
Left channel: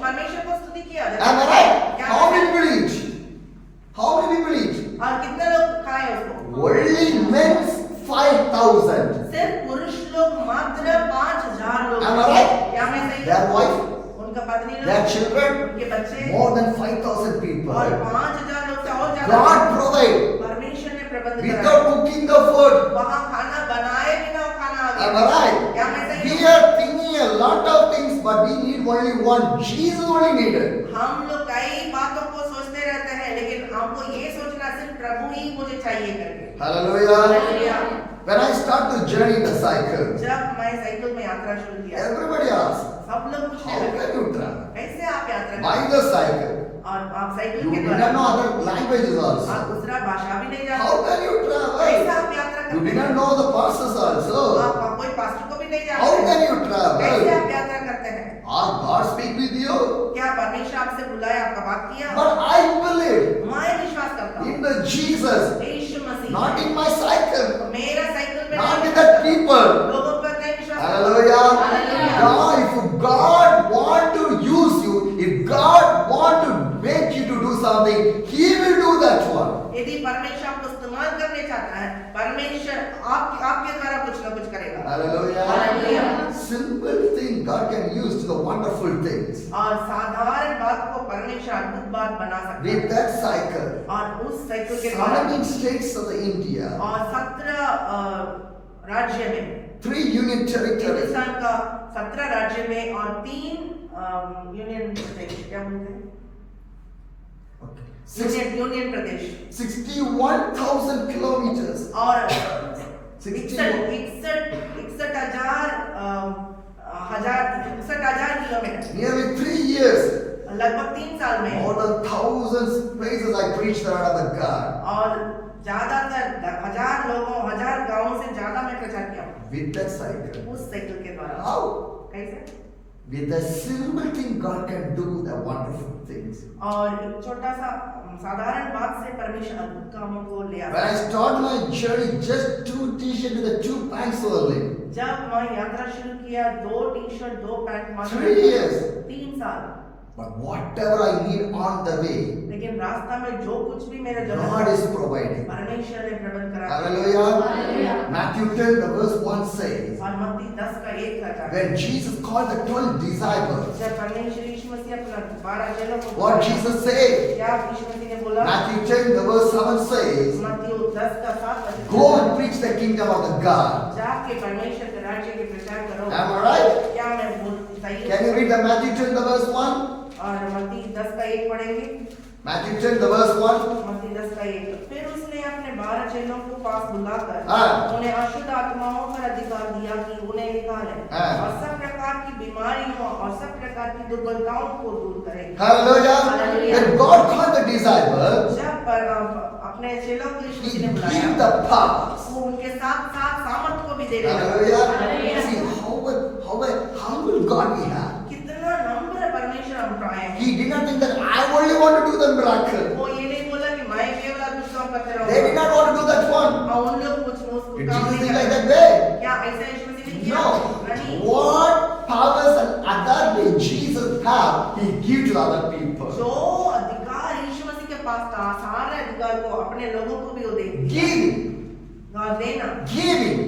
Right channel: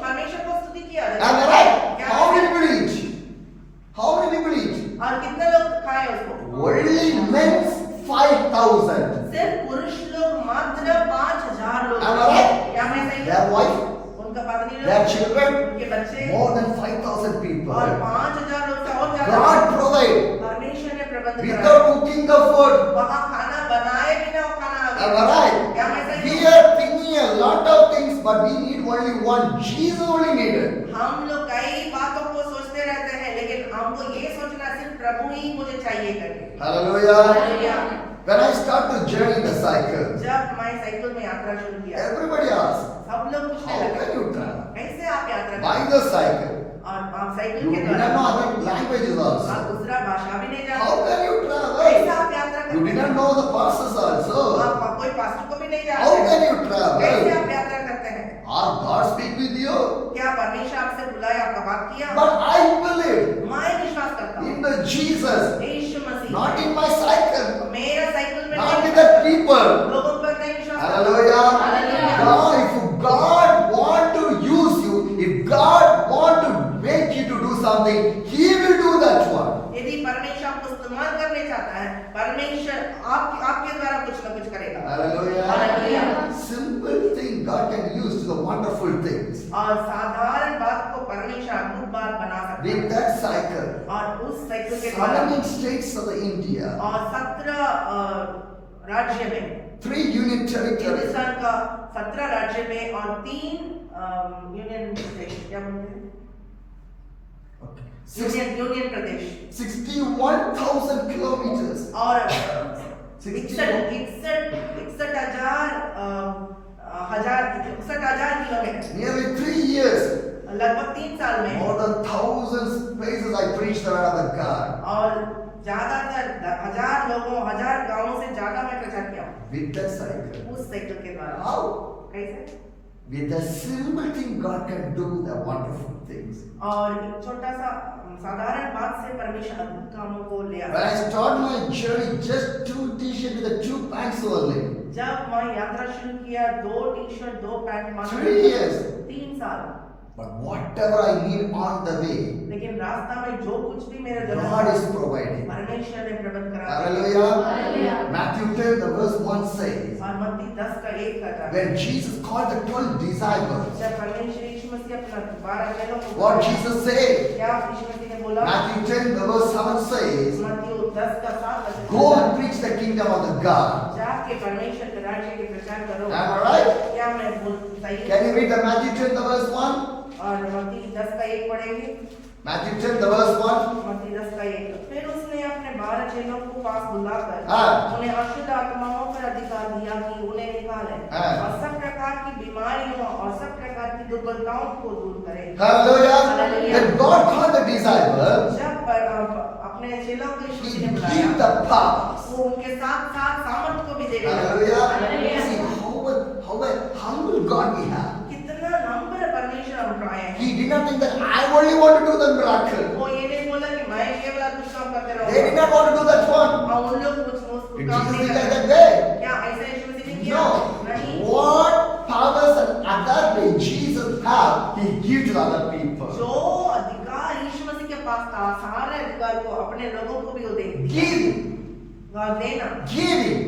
परमेश्वर को स्तुति किया। Am I right? क्या How many people eat? How many people eat? और कितने लोग खाए उसको? Only men 5,000. सिर्फ पुरुष लोग मात्र 5,000 लोग। Am I right? क्या मैं सही हूँ? Their wife, उनका पत्नी लोग, their children, उनके बच्चे more than 5,000 people. और 5,000 लोग से और ज्यादा। God provide परमेश्वर ने प्रबंध without कराया। cooking the food. वहाँ खाना बनाए बिना वो खाना आ Am गया। I right? क्या मैं सही We हूँ? are thinking a lot of things, but we need only one. Jesus only needed. हम लोग कई बातों को सोचते रहते हैं, लेकिन हमको ये सोचना सिर्फ प्रभु ही मुझे चाहिए करके। Hallelujah. Hallelujah. When I start the journey in the cycle, जब मैं साइकिल में यात्रा शुरू किया, everybody asks, सब लोग पूछने how लगे, can you travel? कैसे आप यात्रा By करते the cycle. हैं? और आप साइकिल You के do द्वारा not know other languages आप also. दूसरा भाषा भी नहीं How जानते, can you कैसे travel? आप यात्रा You do करते not हैं? know the pastors also. आप कोई पास्टर को भी नहीं How जानते, can you कैसे travel? आप यात्रा करते हैं? Or God speak with you? क्या परमेश्वर आपसे बुलाया, आपका बात किया? But I believe मैं विश्वास करता हूँ in the Jesus, Yeshu Masih, not in my cycle, मेरा साइकिल में not नहीं, in the people. लोगों पर नहीं विश्वास करता। Hallelujah. Hallelujah. God, if God want to use you, if God want to make you to do something, He will do that one. यदि परमेश्वर आपको इस्तेमाल करने चाहता है, परमेश्वर आपके द्वारा कुछ ना कुछ करेगा। Hallelujah. Hallelujah. Simple thing God can use to the wonderful things. और साधारण बात को परमेश्वर अद्भुत बात बना सकता With है। that cycle, और उस साइकिल के द्वारा 17 states of India, और 17 राज्य में, 3 union territories, हिंदुस्तान का 17 राज्य में और 3 यूनियन प्रदेश, क्या बोलते हैं? यूनियन प्रदेश, 61,000 kilometers. और 61,000 किलोमीटर, Nearly 3 years, लगभग 3 साल में, more than thousands places I preached the word of the God. और ज्यादातर 1000 लोगों, 1000 गांवों से ज्यादा मैं प्रचार किया हूँ With that cycle. उस साइकिल के द्वारा। How? कैसे? With a simple thing, God can do the wonderful things. और एक छोटा सा साधारण बात से परमेश्वर अद्भुत कामों को ले आता When है। I started my journey, just 2 t-shirts with the 2 pants only. जब मैं यात्रा शुरू किया, 2 टी-शर्ट 2 पैंट मात्र, 3 years. 3 साल, But whatever I need on the way, लेकिन रास्ता में जो कुछ भी मेरे God जरूरत is providing. परमेश्वर ने प्रबंध करा। Hallelujah. Matthew 10, the verse 1 says, और मत्ती 10 का 1 का when Jesus called the 12 disciples, जब परमेश्वर यीशु मसीह अपना 12 चेलों को what बुलाया, Jesus said, क्या यीशु मसीह ने बोला? Matthew 10, the verse 7 says, मत्ती 10 का 7 वचन, go and preach the kingdom of the God. जाके परमेश्वर के राज्य के प्रचार करो। Am I right? क्या मैं बोल सही Can हूँ? you read the Matthew 10, the verse 1? और मत्ती 10 का 1 पढ़ेंगे। Matthew 10, the verse 1. मत्ती 10 का 1। फिर उसने अपने 12 चेलों को पास बुलाकर हाँ। उन्हें अशुद्ध आत्माओं पर अधिकार दिया कि उन्हें निकालें हाँ। और सब प्रकार की बीमारियों और सब प्रकार की दुर्बलताओं को दूर करें। Hallelujah. Hallelujah. When God called the disciples, जब अपने चेलों को यीशु He मसीह ने gave बुलाया, the powers. वो उनके साथ साथ सामर्थ को भी दे दिया। Hallelujah. See how humble God we have. कितना नम्र परमेश्वर हम पाए हैं। He did not think that I only want to do the miracle. वो ये नहीं बोला कि मैं केवल अद्भुत काम करते They did रहूंगा not want to do that one. और उन लोग कुछ उसको Did काम Jesus नहीं think like करते। that way? क्या ऐसा यीशु मसीह ने किया? No. नहीं। What powers and authority Jesus have, He gives to other people. जो अधिकार यीशु मसीह के पास था, सारे अधिकार को अपने लोगों को भी वो दे Giving. और देना Giving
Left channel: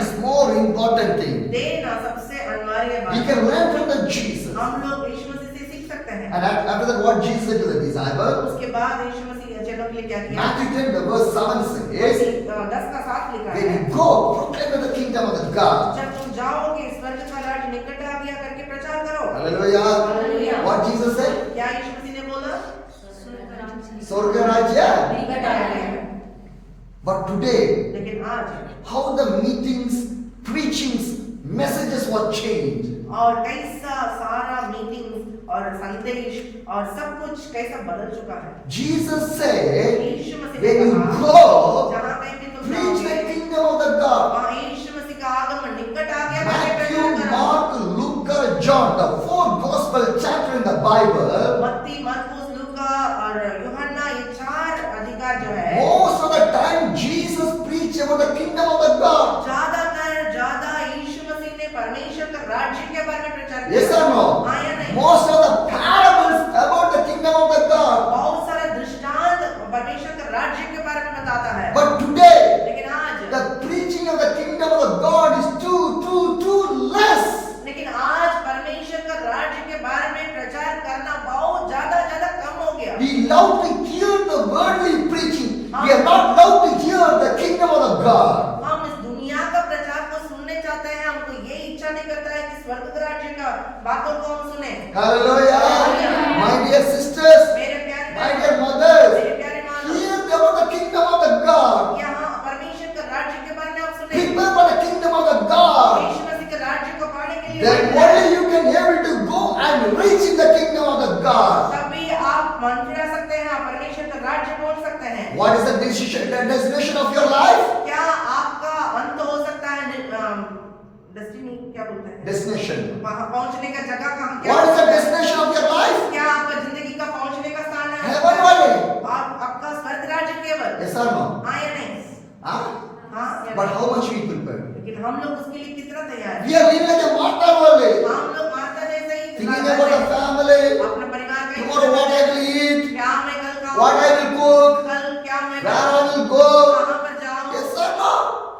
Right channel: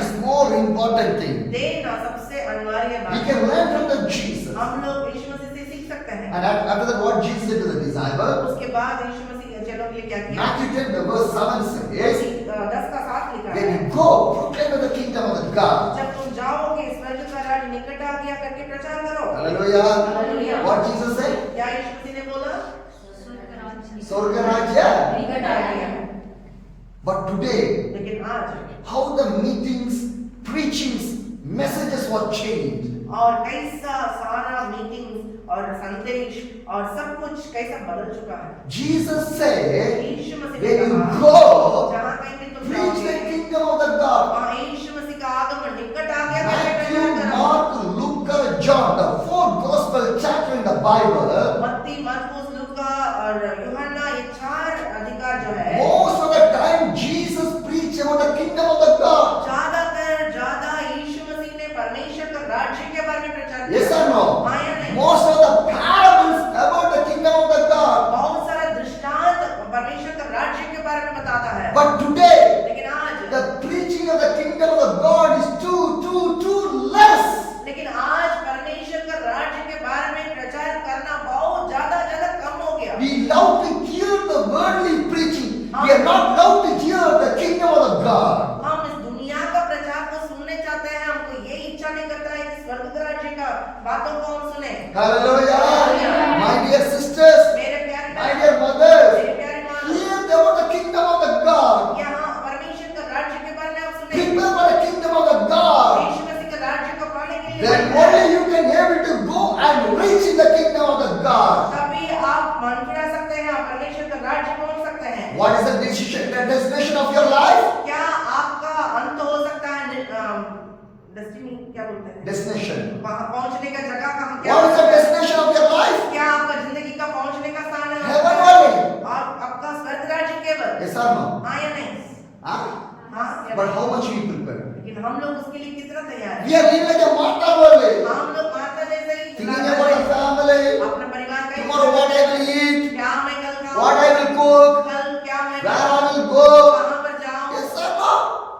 is more important thing. देना सबसे अनिवार्य We बात can है। learn from the Jesus. हम लोग यीशु मसीह से सीख सकते हैं। And after that, what Jesus said to the disciples, उसके बाद यीशु मसीह चेलों के लिए क्या किया? Matthew 10, the verse 7 says, 10 का 7 लिखा when है। you go, proclaim the kingdom of the God. जब तुम जाओगे स्वर्ग का राज निकट आ गया करके प्रचार करो। Hallelujah. Hallelujah. What Jesus said? क्या यीशु मसीह ने बोला? Swarga Rajya. निकट आ गया है। But today, लेकिन आज how the meetings, preachings, messages were changed. और कैसा सारा मीटिंग और संदेश और सब कुछ कैसा बदल चुका है। Jesus said, यीशु मसीह when ने you कहा, go, जहाँ कहीं भी तुम preach the जाओगे, kingdom of the God. वहाँ यीशु मसीह का आगमन निकट आ गया करके Matthew, प्रचार करो। Mark, Luke, John, the four gospel chapter in the Bible, मत्ती, मरकुस, लूका और यूहन्ना, ये 4 अधिकार जो है, most of the time Jesus preached about the kingdom of the God. ज्यादा यीशु मसीह ने परमेश्वर के राज्य के बारे में प्रचार किया। Yes or no? हाँ या नहीं? Most of the parables about the kingdom of the God. बहुत सारे दृष्टांत परमेश्वर के राज्य के बारे में बताता है। But today, लेकिन आज the preaching of the kingdom of the God is too less. लेकिन आज परमेश्वर का राज्य के बारे में प्रचार करना बहुत ज्यादा कम हो गया। We love to hear the worldly preaching. We are not loved to hear the kingdom of the God. हम इस दुनिया का प्रचार को सुनने चाहते हैं, हमको ये इच्छा नहीं करता है कि स्वर्ग के राज्य का बातों को हम सुने। Hallelujah. My dear sisters, मेरे प्यारे my dear mothers, मेरे प्यारे माँ, hear about the kingdom of the God. यहाँ परमेश्वर का राज्य के बारे में आप सुने। Prepare for the kingdom of the God. यीशु मसीह के राज्य को पाने के लिए Then only you can able to go and reach in the kingdom of the God. तभी आप मन फिरा सकते हैं, आप परमेश्वर का राज्य पहुंच सकते हैं। What is the destination of your life? क्या आपका अंत हो सकता है? डेस्टिनी क्या बोलते हैं? Destination. वहां पहुंचने का जगह कहाँ? क्या What is the destination of your life? क्या आपका जिंदगी का पहुंचने का स्थान है? Heaven only. और आपका स्वर्ग राज्य केवल? Yes or no? हाँ या नहीं? Huh? हाँ। But how much we prepare? लेकिन हम लोग उसके लिए कितना तैयार हैं? We are living like a Martha only. हम लोग माता जैसे ही Thinking about the family. अपने परिवार का Tomorrow what I will eat. क्या मैं कल खाऊं? What I will cook. कल क्या मैं Where I will go. कहाँ पर जाऊं? Yes or no?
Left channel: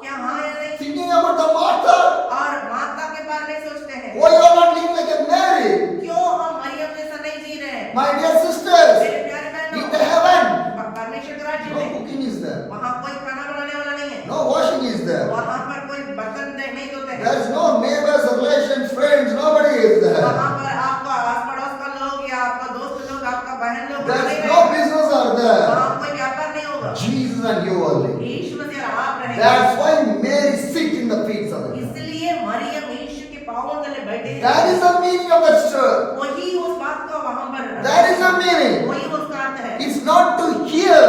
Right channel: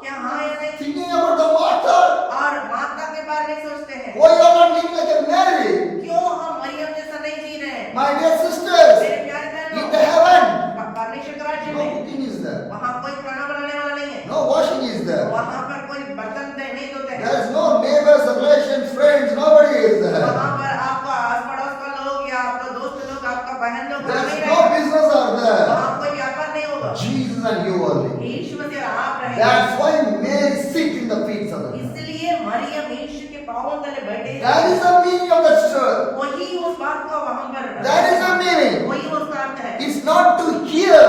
क्या हाँ या नहीं? Thinking about the Martha. और माता के बारे में सोचते हैं। Why you are not living like a Mary? क्यों हम मरियम जैसा नहीं जी रहे हैं? My dear sisters, मेरे प्यारे in बहनों, the heaven, परमेश्वर के राज्य no में cooking is there. वहाँ कोई खाना बनाने वाला नहीं है। No washing is there. वहाँ पर कोई बर्तन नहीं धोते हैं। There is no neighbors, relations, friends, nobody is there. वहाँ पर आपका आस पड़ोस का लोग या आपका दोस्त लोग, आपका बहन लोग There नहीं is no रहेंगे। business are there. वहाँ कोई व्यापार नहीं होगा। Jesus and you only. यीशु मसीह और आप रहेंगे। That's why Mary sit in the feet of the Lord. इसलिए मरियम यीशु के पांवों तले बैठे। That is the meaning of that story. वही उस बात को वहाँ पर That is the meaning. वही उसका अर्थ है। It's not to hear,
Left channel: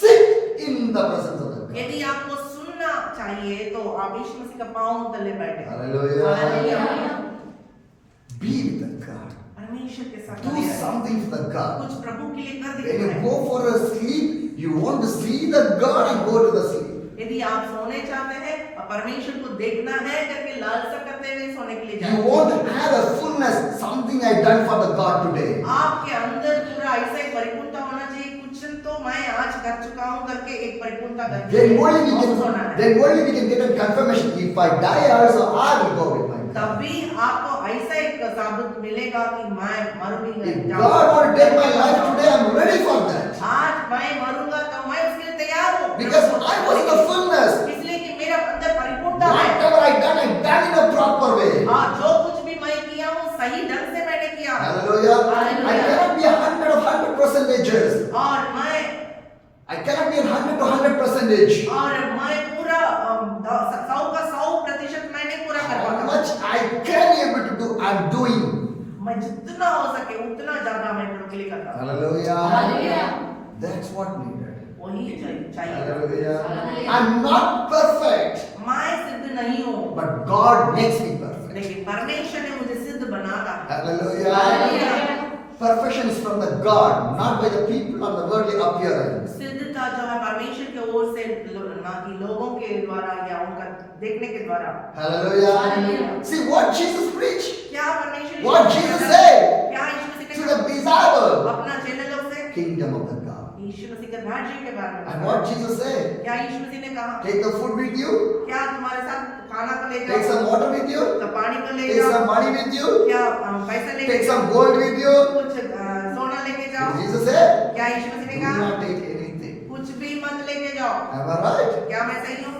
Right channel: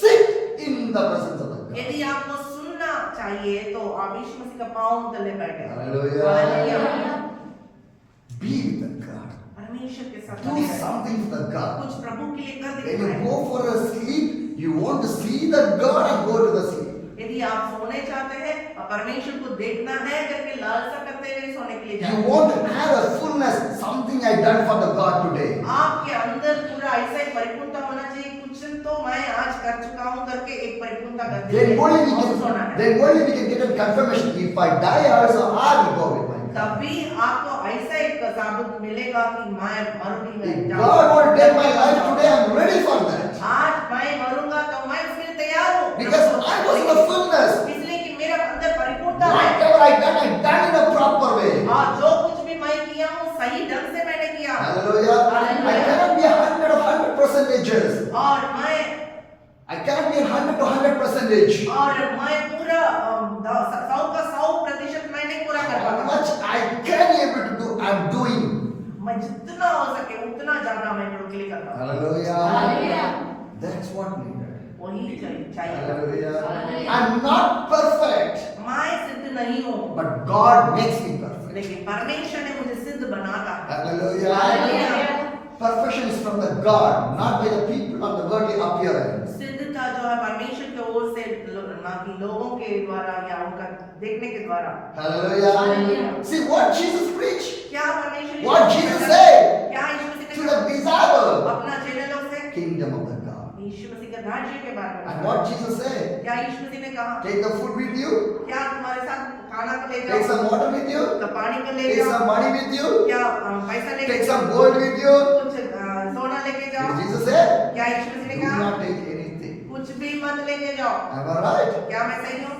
sit in the presence of the God. यदि आपको सुनना चाहिए तो आप यीशु मसीह का पांव तले बैठे। Hallelujah. Hallelujah. Be with the God. परमेश्वर के साथ Do बने रहें। something for the God. कुछ प्रभु के लिए कर When you दिखाएं। go for a sleep, you want to see the God and go to the sleep. यदि आप सोने चाहते हैं और परमेश्वर को देखना है करके लालसा करते हुए सोने के लिए जाएं। You want to have a fullness, something I done for the God today. आपके अंदर पूरा ऐसा एक परिपूर्णता होना चाहिए, कुछ तो मैं आज कर चुका हूँ करके एक परिपूर्णता करते Then हुए only we और सोना है। can, then only we can get a confirmation. If I die also, I will go with my God. तभी आपको ऐसा एक साबुत मिलेगा कि मैं मर भी If नहीं God want to take my life today, I'm ready for that. आज मैं मरूंगा तो मैं उसके लिए तैयार हूँ। Because I was in the fullness. इसलिए कि मेरा अंदर परिपूर्णता है Whatever I done in a proper way. और जो कुछ भी मैं किया हूँ सही ढंग से मैंने किया। Hallelujah. I cannot be 100% 100%. और मैं पूरा 100% मैं नहीं पूरा कर How पाता। much I can able to do, I'm doing. मैं जितना हो सके उतना ज्यादा मैं प्रभु के लिए करता हूँ। Hallelujah. That's what needed. वही चाहिए। Hallelujah. I'm not perfect, मैं सिद्ध नहीं हूँ, but God makes me perfect. लेकिन परमेश्वर ने मुझे सिद्ध बनाता है। Hallelujah. Perfection is from the God, not by the people or the worldly appearance. सिद्धता जो है परमेश्वर की ओर से, ना कि लोगों के द्वारा या उनका देखने के द्वारा। Hallelujah. See what Jesus preached. क्या परमेश्वर What Jesus said क्या यीशु मसीह to ने the disciples. अपना चेले लोग से Kingdom of the God. यीशु मसीह के राज्य के बारे में And what Jesus said. क्या यीशु मसीह ने कहा, Take the food with you. क्या तुम्हारे साथ खाना को ले Take जाओ, some water with you. तो पानी को ले Take जाओ, some money with you. क्या पैसा ले Take जाओ, some gold with you. कुछ सोना लेके जाओ। Jesus said, क्या यीशु मसीह ने do कहा, not take anything. कुछ भी मत लेके जाओ। Am I right? क्या मैं सही हूँ?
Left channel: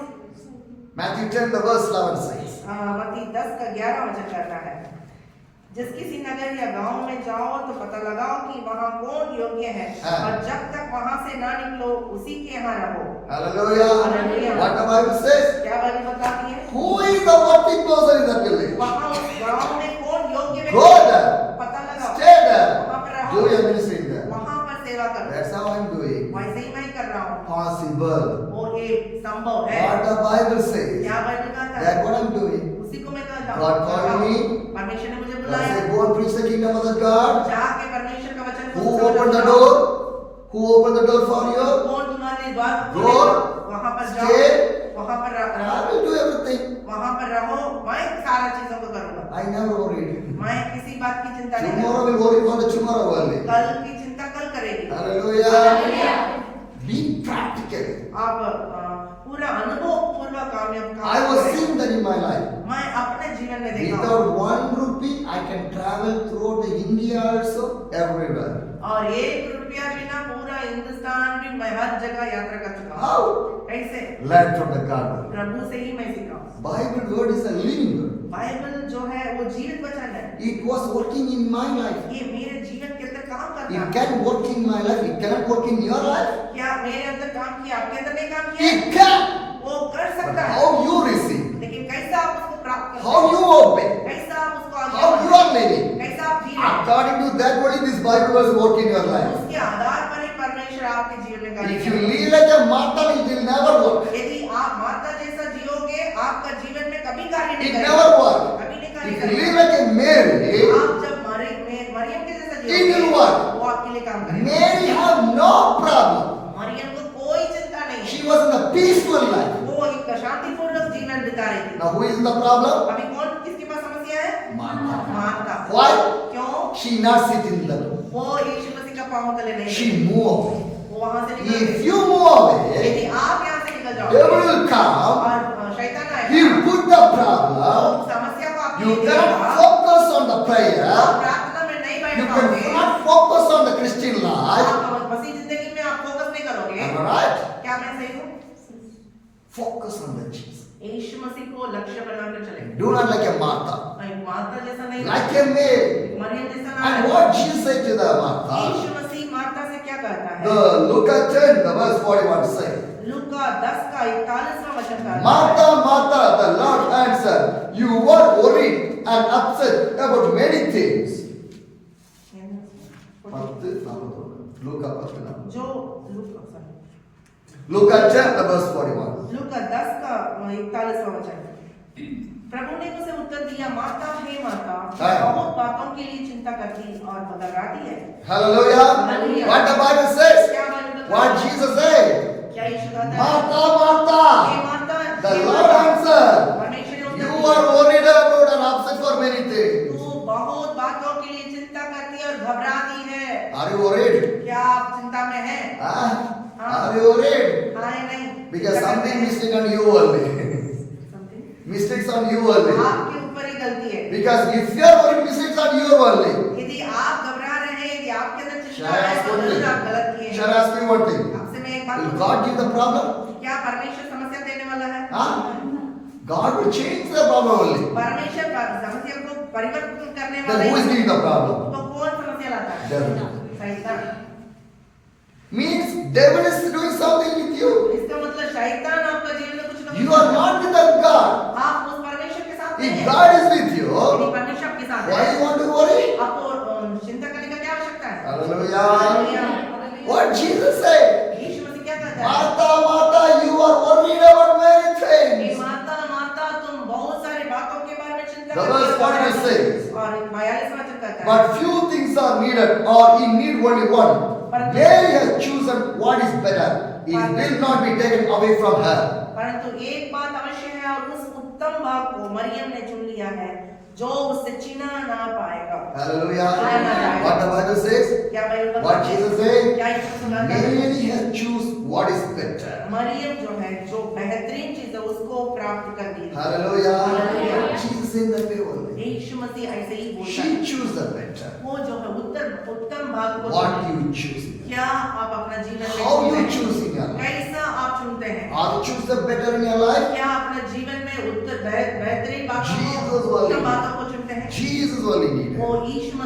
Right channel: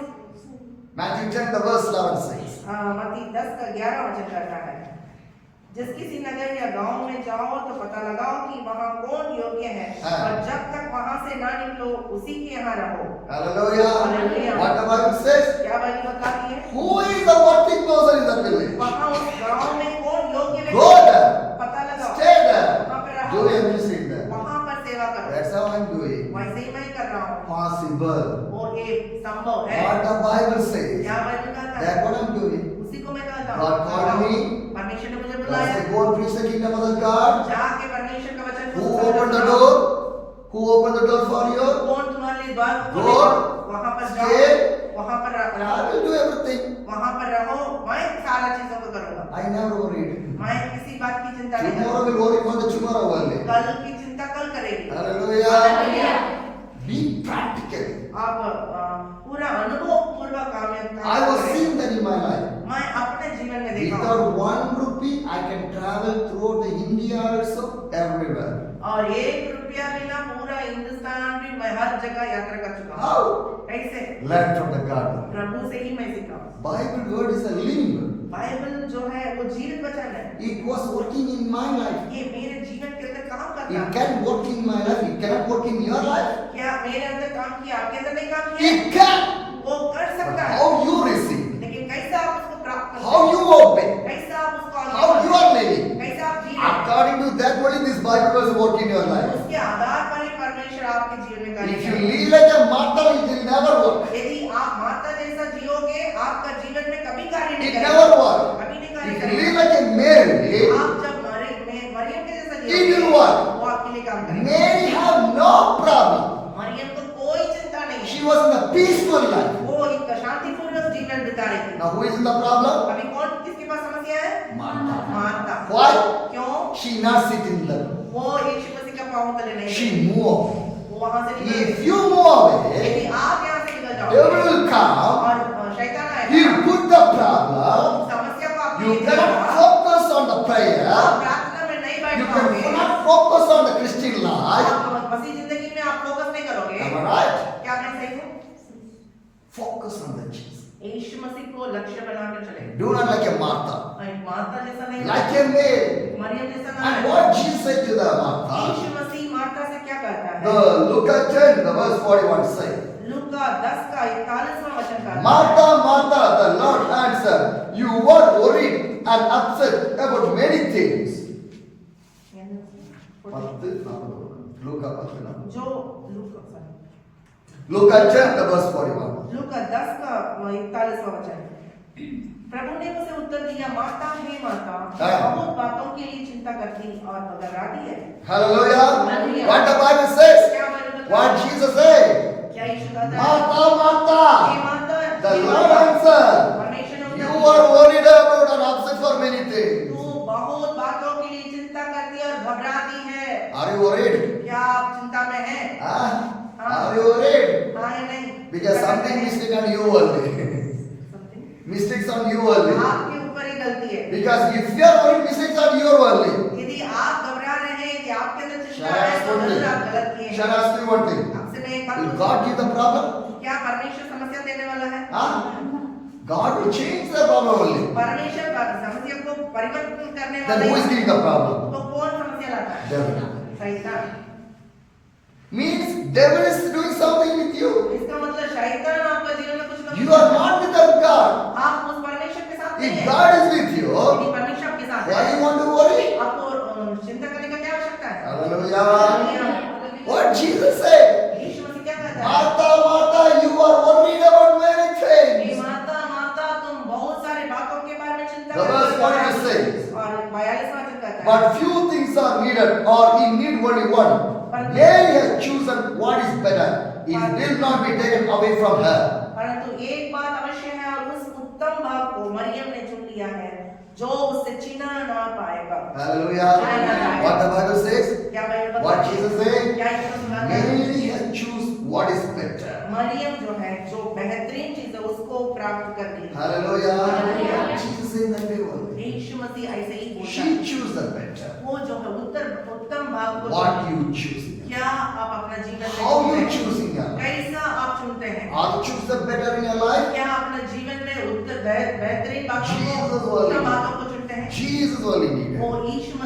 Matthew 10, the verse 11 says. मत्ती 10 का 11 वचन कहता है, जिस किसी नगर या गांव में जाओ तो पता लगाओ कि वहां कौन योग्य है, हाँ। और जब तक वहां से ना निकलो उसी के यहाँ रहो। Hallelujah. Hallelujah. What the Bible says? क्या बाइबल बताती है? Who is the worthy person in that village? वहां उस गांव में कौन योग्य व्यक्ति Go है, there. पता लगाओ, Stay there. वहां पर Do रहो, your ministry there. वहां पर सेवा करो। That's how I'm doing. वैसे ही मैं कर रहा हूँ। Possible. वो एक संभव है। What the Bible says. क्या बाइबल कहता है? That's what I'm doing. उसी को मैं कहता हूँ। God called me. परमेश्वर ने मुझे God बुलाया, said, go and preach the kingdom of the God. जाके परमेश्वर का वचन Who opened the door? Who opened the door for you? कौन तुम्हारे लिए द्वार Go. खोलेगा? वहां पर जाओ, Stay. वहां पर I रहो, will do everything. वहां पर रहो। मैं सारा चीजों को करूंगा। I never worried. मैं किसी बात की चिंता नहीं Tomorrow करूंगा। will worry for the tomorrow only. कल की चिंता कल करेगी। Hallelujah. Be practical. आप पूरा अनुभव पूर्वक कामयाब I was seeing that in my life. मैं अपने जीवन में देखा हूँ। Without 1 rupee, I can travel throughout the India also, everywhere. और 1 रुपया बिना पूरा हिंदुस्तान भी मैं हर जगह यात्रा कर चुका हूँ। How? कैसे? Learn from the God. प्रभु से ही मैं सीखा हूँ। Bible word is a living word. Bible जो है वो जीवित वचन है। It was working in my life. ये मेरे जीवन के अंदर काम करता It है। can work in my life. It cannot work in your life. क्या मेरे अंदर काम किया, आपके अंदर नहीं काम किया? It can. वो कर But सकता है, how you receive, लेकिन कैसा आप उसको प्राप्त करते how हैं? you obey, कैसा आप उसको आगे how you बढ़ाते are हैं? living. कैसा आप जी रहे हैं? According to that, what is this Bible verse work in your life? उसके आधार पर ही परमेश्वर आपके जीवन में कार्य If you करेगा। live like a Martha, it will never work. यदि आप माता जैसा जियोगे, आपका जीवन में कभी कार्य नहीं It करेगा। never work. कभी नहीं कार्य If you live करेगा। like a Mary, आप जब मरियम के जैसा It जियोगे, will work. वो आपके लिए काम करेगा। Mary had no problem. Maryam को कोई चिंता नहीं She है। was in a peaceful life. वो एक शांतिपूर्ण जीवन बिता रही थी। Now who is the problem? अभी कौन किसके पास समस्या है? Martha. मार्था। Why? क्यों? She not sit in the. वो यीशु मसीह का पाँव तले नहीं She गई। move. वो वहां से निकल If गई। you move away, यदि आप यहाँ से निकल जाओ devil will come. और शैतान आएगा, He will put the वो problem. समस्या को आपके You लिए cannot देगा। focus on the आप prayer. प्रार्थना में नहीं बैठ You पाओगे। cannot focus on the Christian life. आप मसीह जिंदगी में आप फोकस नहीं करोगे। Am I right? क्या मैं सही हूँ? Focus on the Jesus. Yeshu मसीह को लक्ष्य बनाकर चलेंगे। Do not like a Martha. Martha जैसा नहीं, Like a Mary. मरियम जैसा ना And बने। what Jesus said to the Martha? Yeshu Masih Martha से क्या कहता है? The Luke 10, the verse 41 says, लूका 10 का 41वां वचन कहता है, Martha, Martha, the Lord answered, you were worried and upset about many things. Luka 10, जो Luke 10, the verse 41. लूका 10 का 41वां वचन। प्रभु ने उसे उत्तर दिया, माता हे माता, हाँ। बहुत बातों के लिए चिंता करती और घबराती है। Hallelujah. Hallelujah. What the Bible says? क्या बाइबल What बताता है? Jesus said? क्या यीशु कहता है? Martha, हे Martha, माता, the हे Lord माता, answered, परमेश्वर ने उत्तर you दिया, are worried about and upset for many things. तू बहुत बातों के लिए चिंता करती और घबराती है। Are you worried? क्या आप चिंता में हैं? Huh? हाँ। Are you worried? हाँ या नहीं? Because something mistake on you only. Something? Mistakes on you only. आपके ऊपर ही गलती है। Because if you are worried, mistakes on you only. यदि आप घबरा रहे हैं कि आपके अंदर चिंता Shall I है, ask तो one जरूर thing? आप गलत किए Shall I हैं। ask you one thing? आपसे मैं एक बात Will पूछूं? God give the problem? क्या परमेश्वर समस्या देने वाला है? Huh? God will change the problem only. परमेश्वर समस्या को परिवर्तन करने Then who is वाले giving the problem? तो कौन समस्या लाता है? Devil. शैतान। Means devil is doing something with you. इसका मतलब शैतान आपका जीवन में कुछ कर You are not with that God. आप उस परमेश्वर के साथ नहीं If हैं। God is with you, यदि परमेश्वर आपके साथ why है, you want to worry? आपको चिंता करने का क्या आवश्यकता है? Hallelujah. Hallelujah. What Jesus said? यीशु मसीह क्या कहता है? Martha, Martha, you are worried about many हे things. माता माता तुम बहुत सारी बातों के बारे में चिंता The verse करते हो। 42 says, और 42वां वचन कहता है, but few things are needed, or he need only one. Mary has chosen what is better. It will not be taken away from her. परंतु एक बात अवश्य है और उस उत्तम भाग को मरियम ने चुन लिया है जो उससे छीना ना पाएगा। Hallelujah. What the Bible says? क्या बाइबल बताती What है? Jesus said? क्या यीशु मसीह कहता है? Mary has choose what is better. Maryam जो है जो बेहतरीन चीज है उसको प्राप्त कर ली। Hallelujah. Hallelujah. Jesus said that way only. यीशु मसीह ऐसे ही बोलता She है। choose the better. वो जो है उत्तम भाग को What you choose? क्या आप अपना जीवन में How you चुनते हैं? choosing it? कैसा आप चुनते हैं? Are you choose the better in your life? क्या अपने जीवन में बेहतरीन बातों Jesus को वाली। उत्तम बातों को चुनते हैं? Jesus only needed. वो यीशु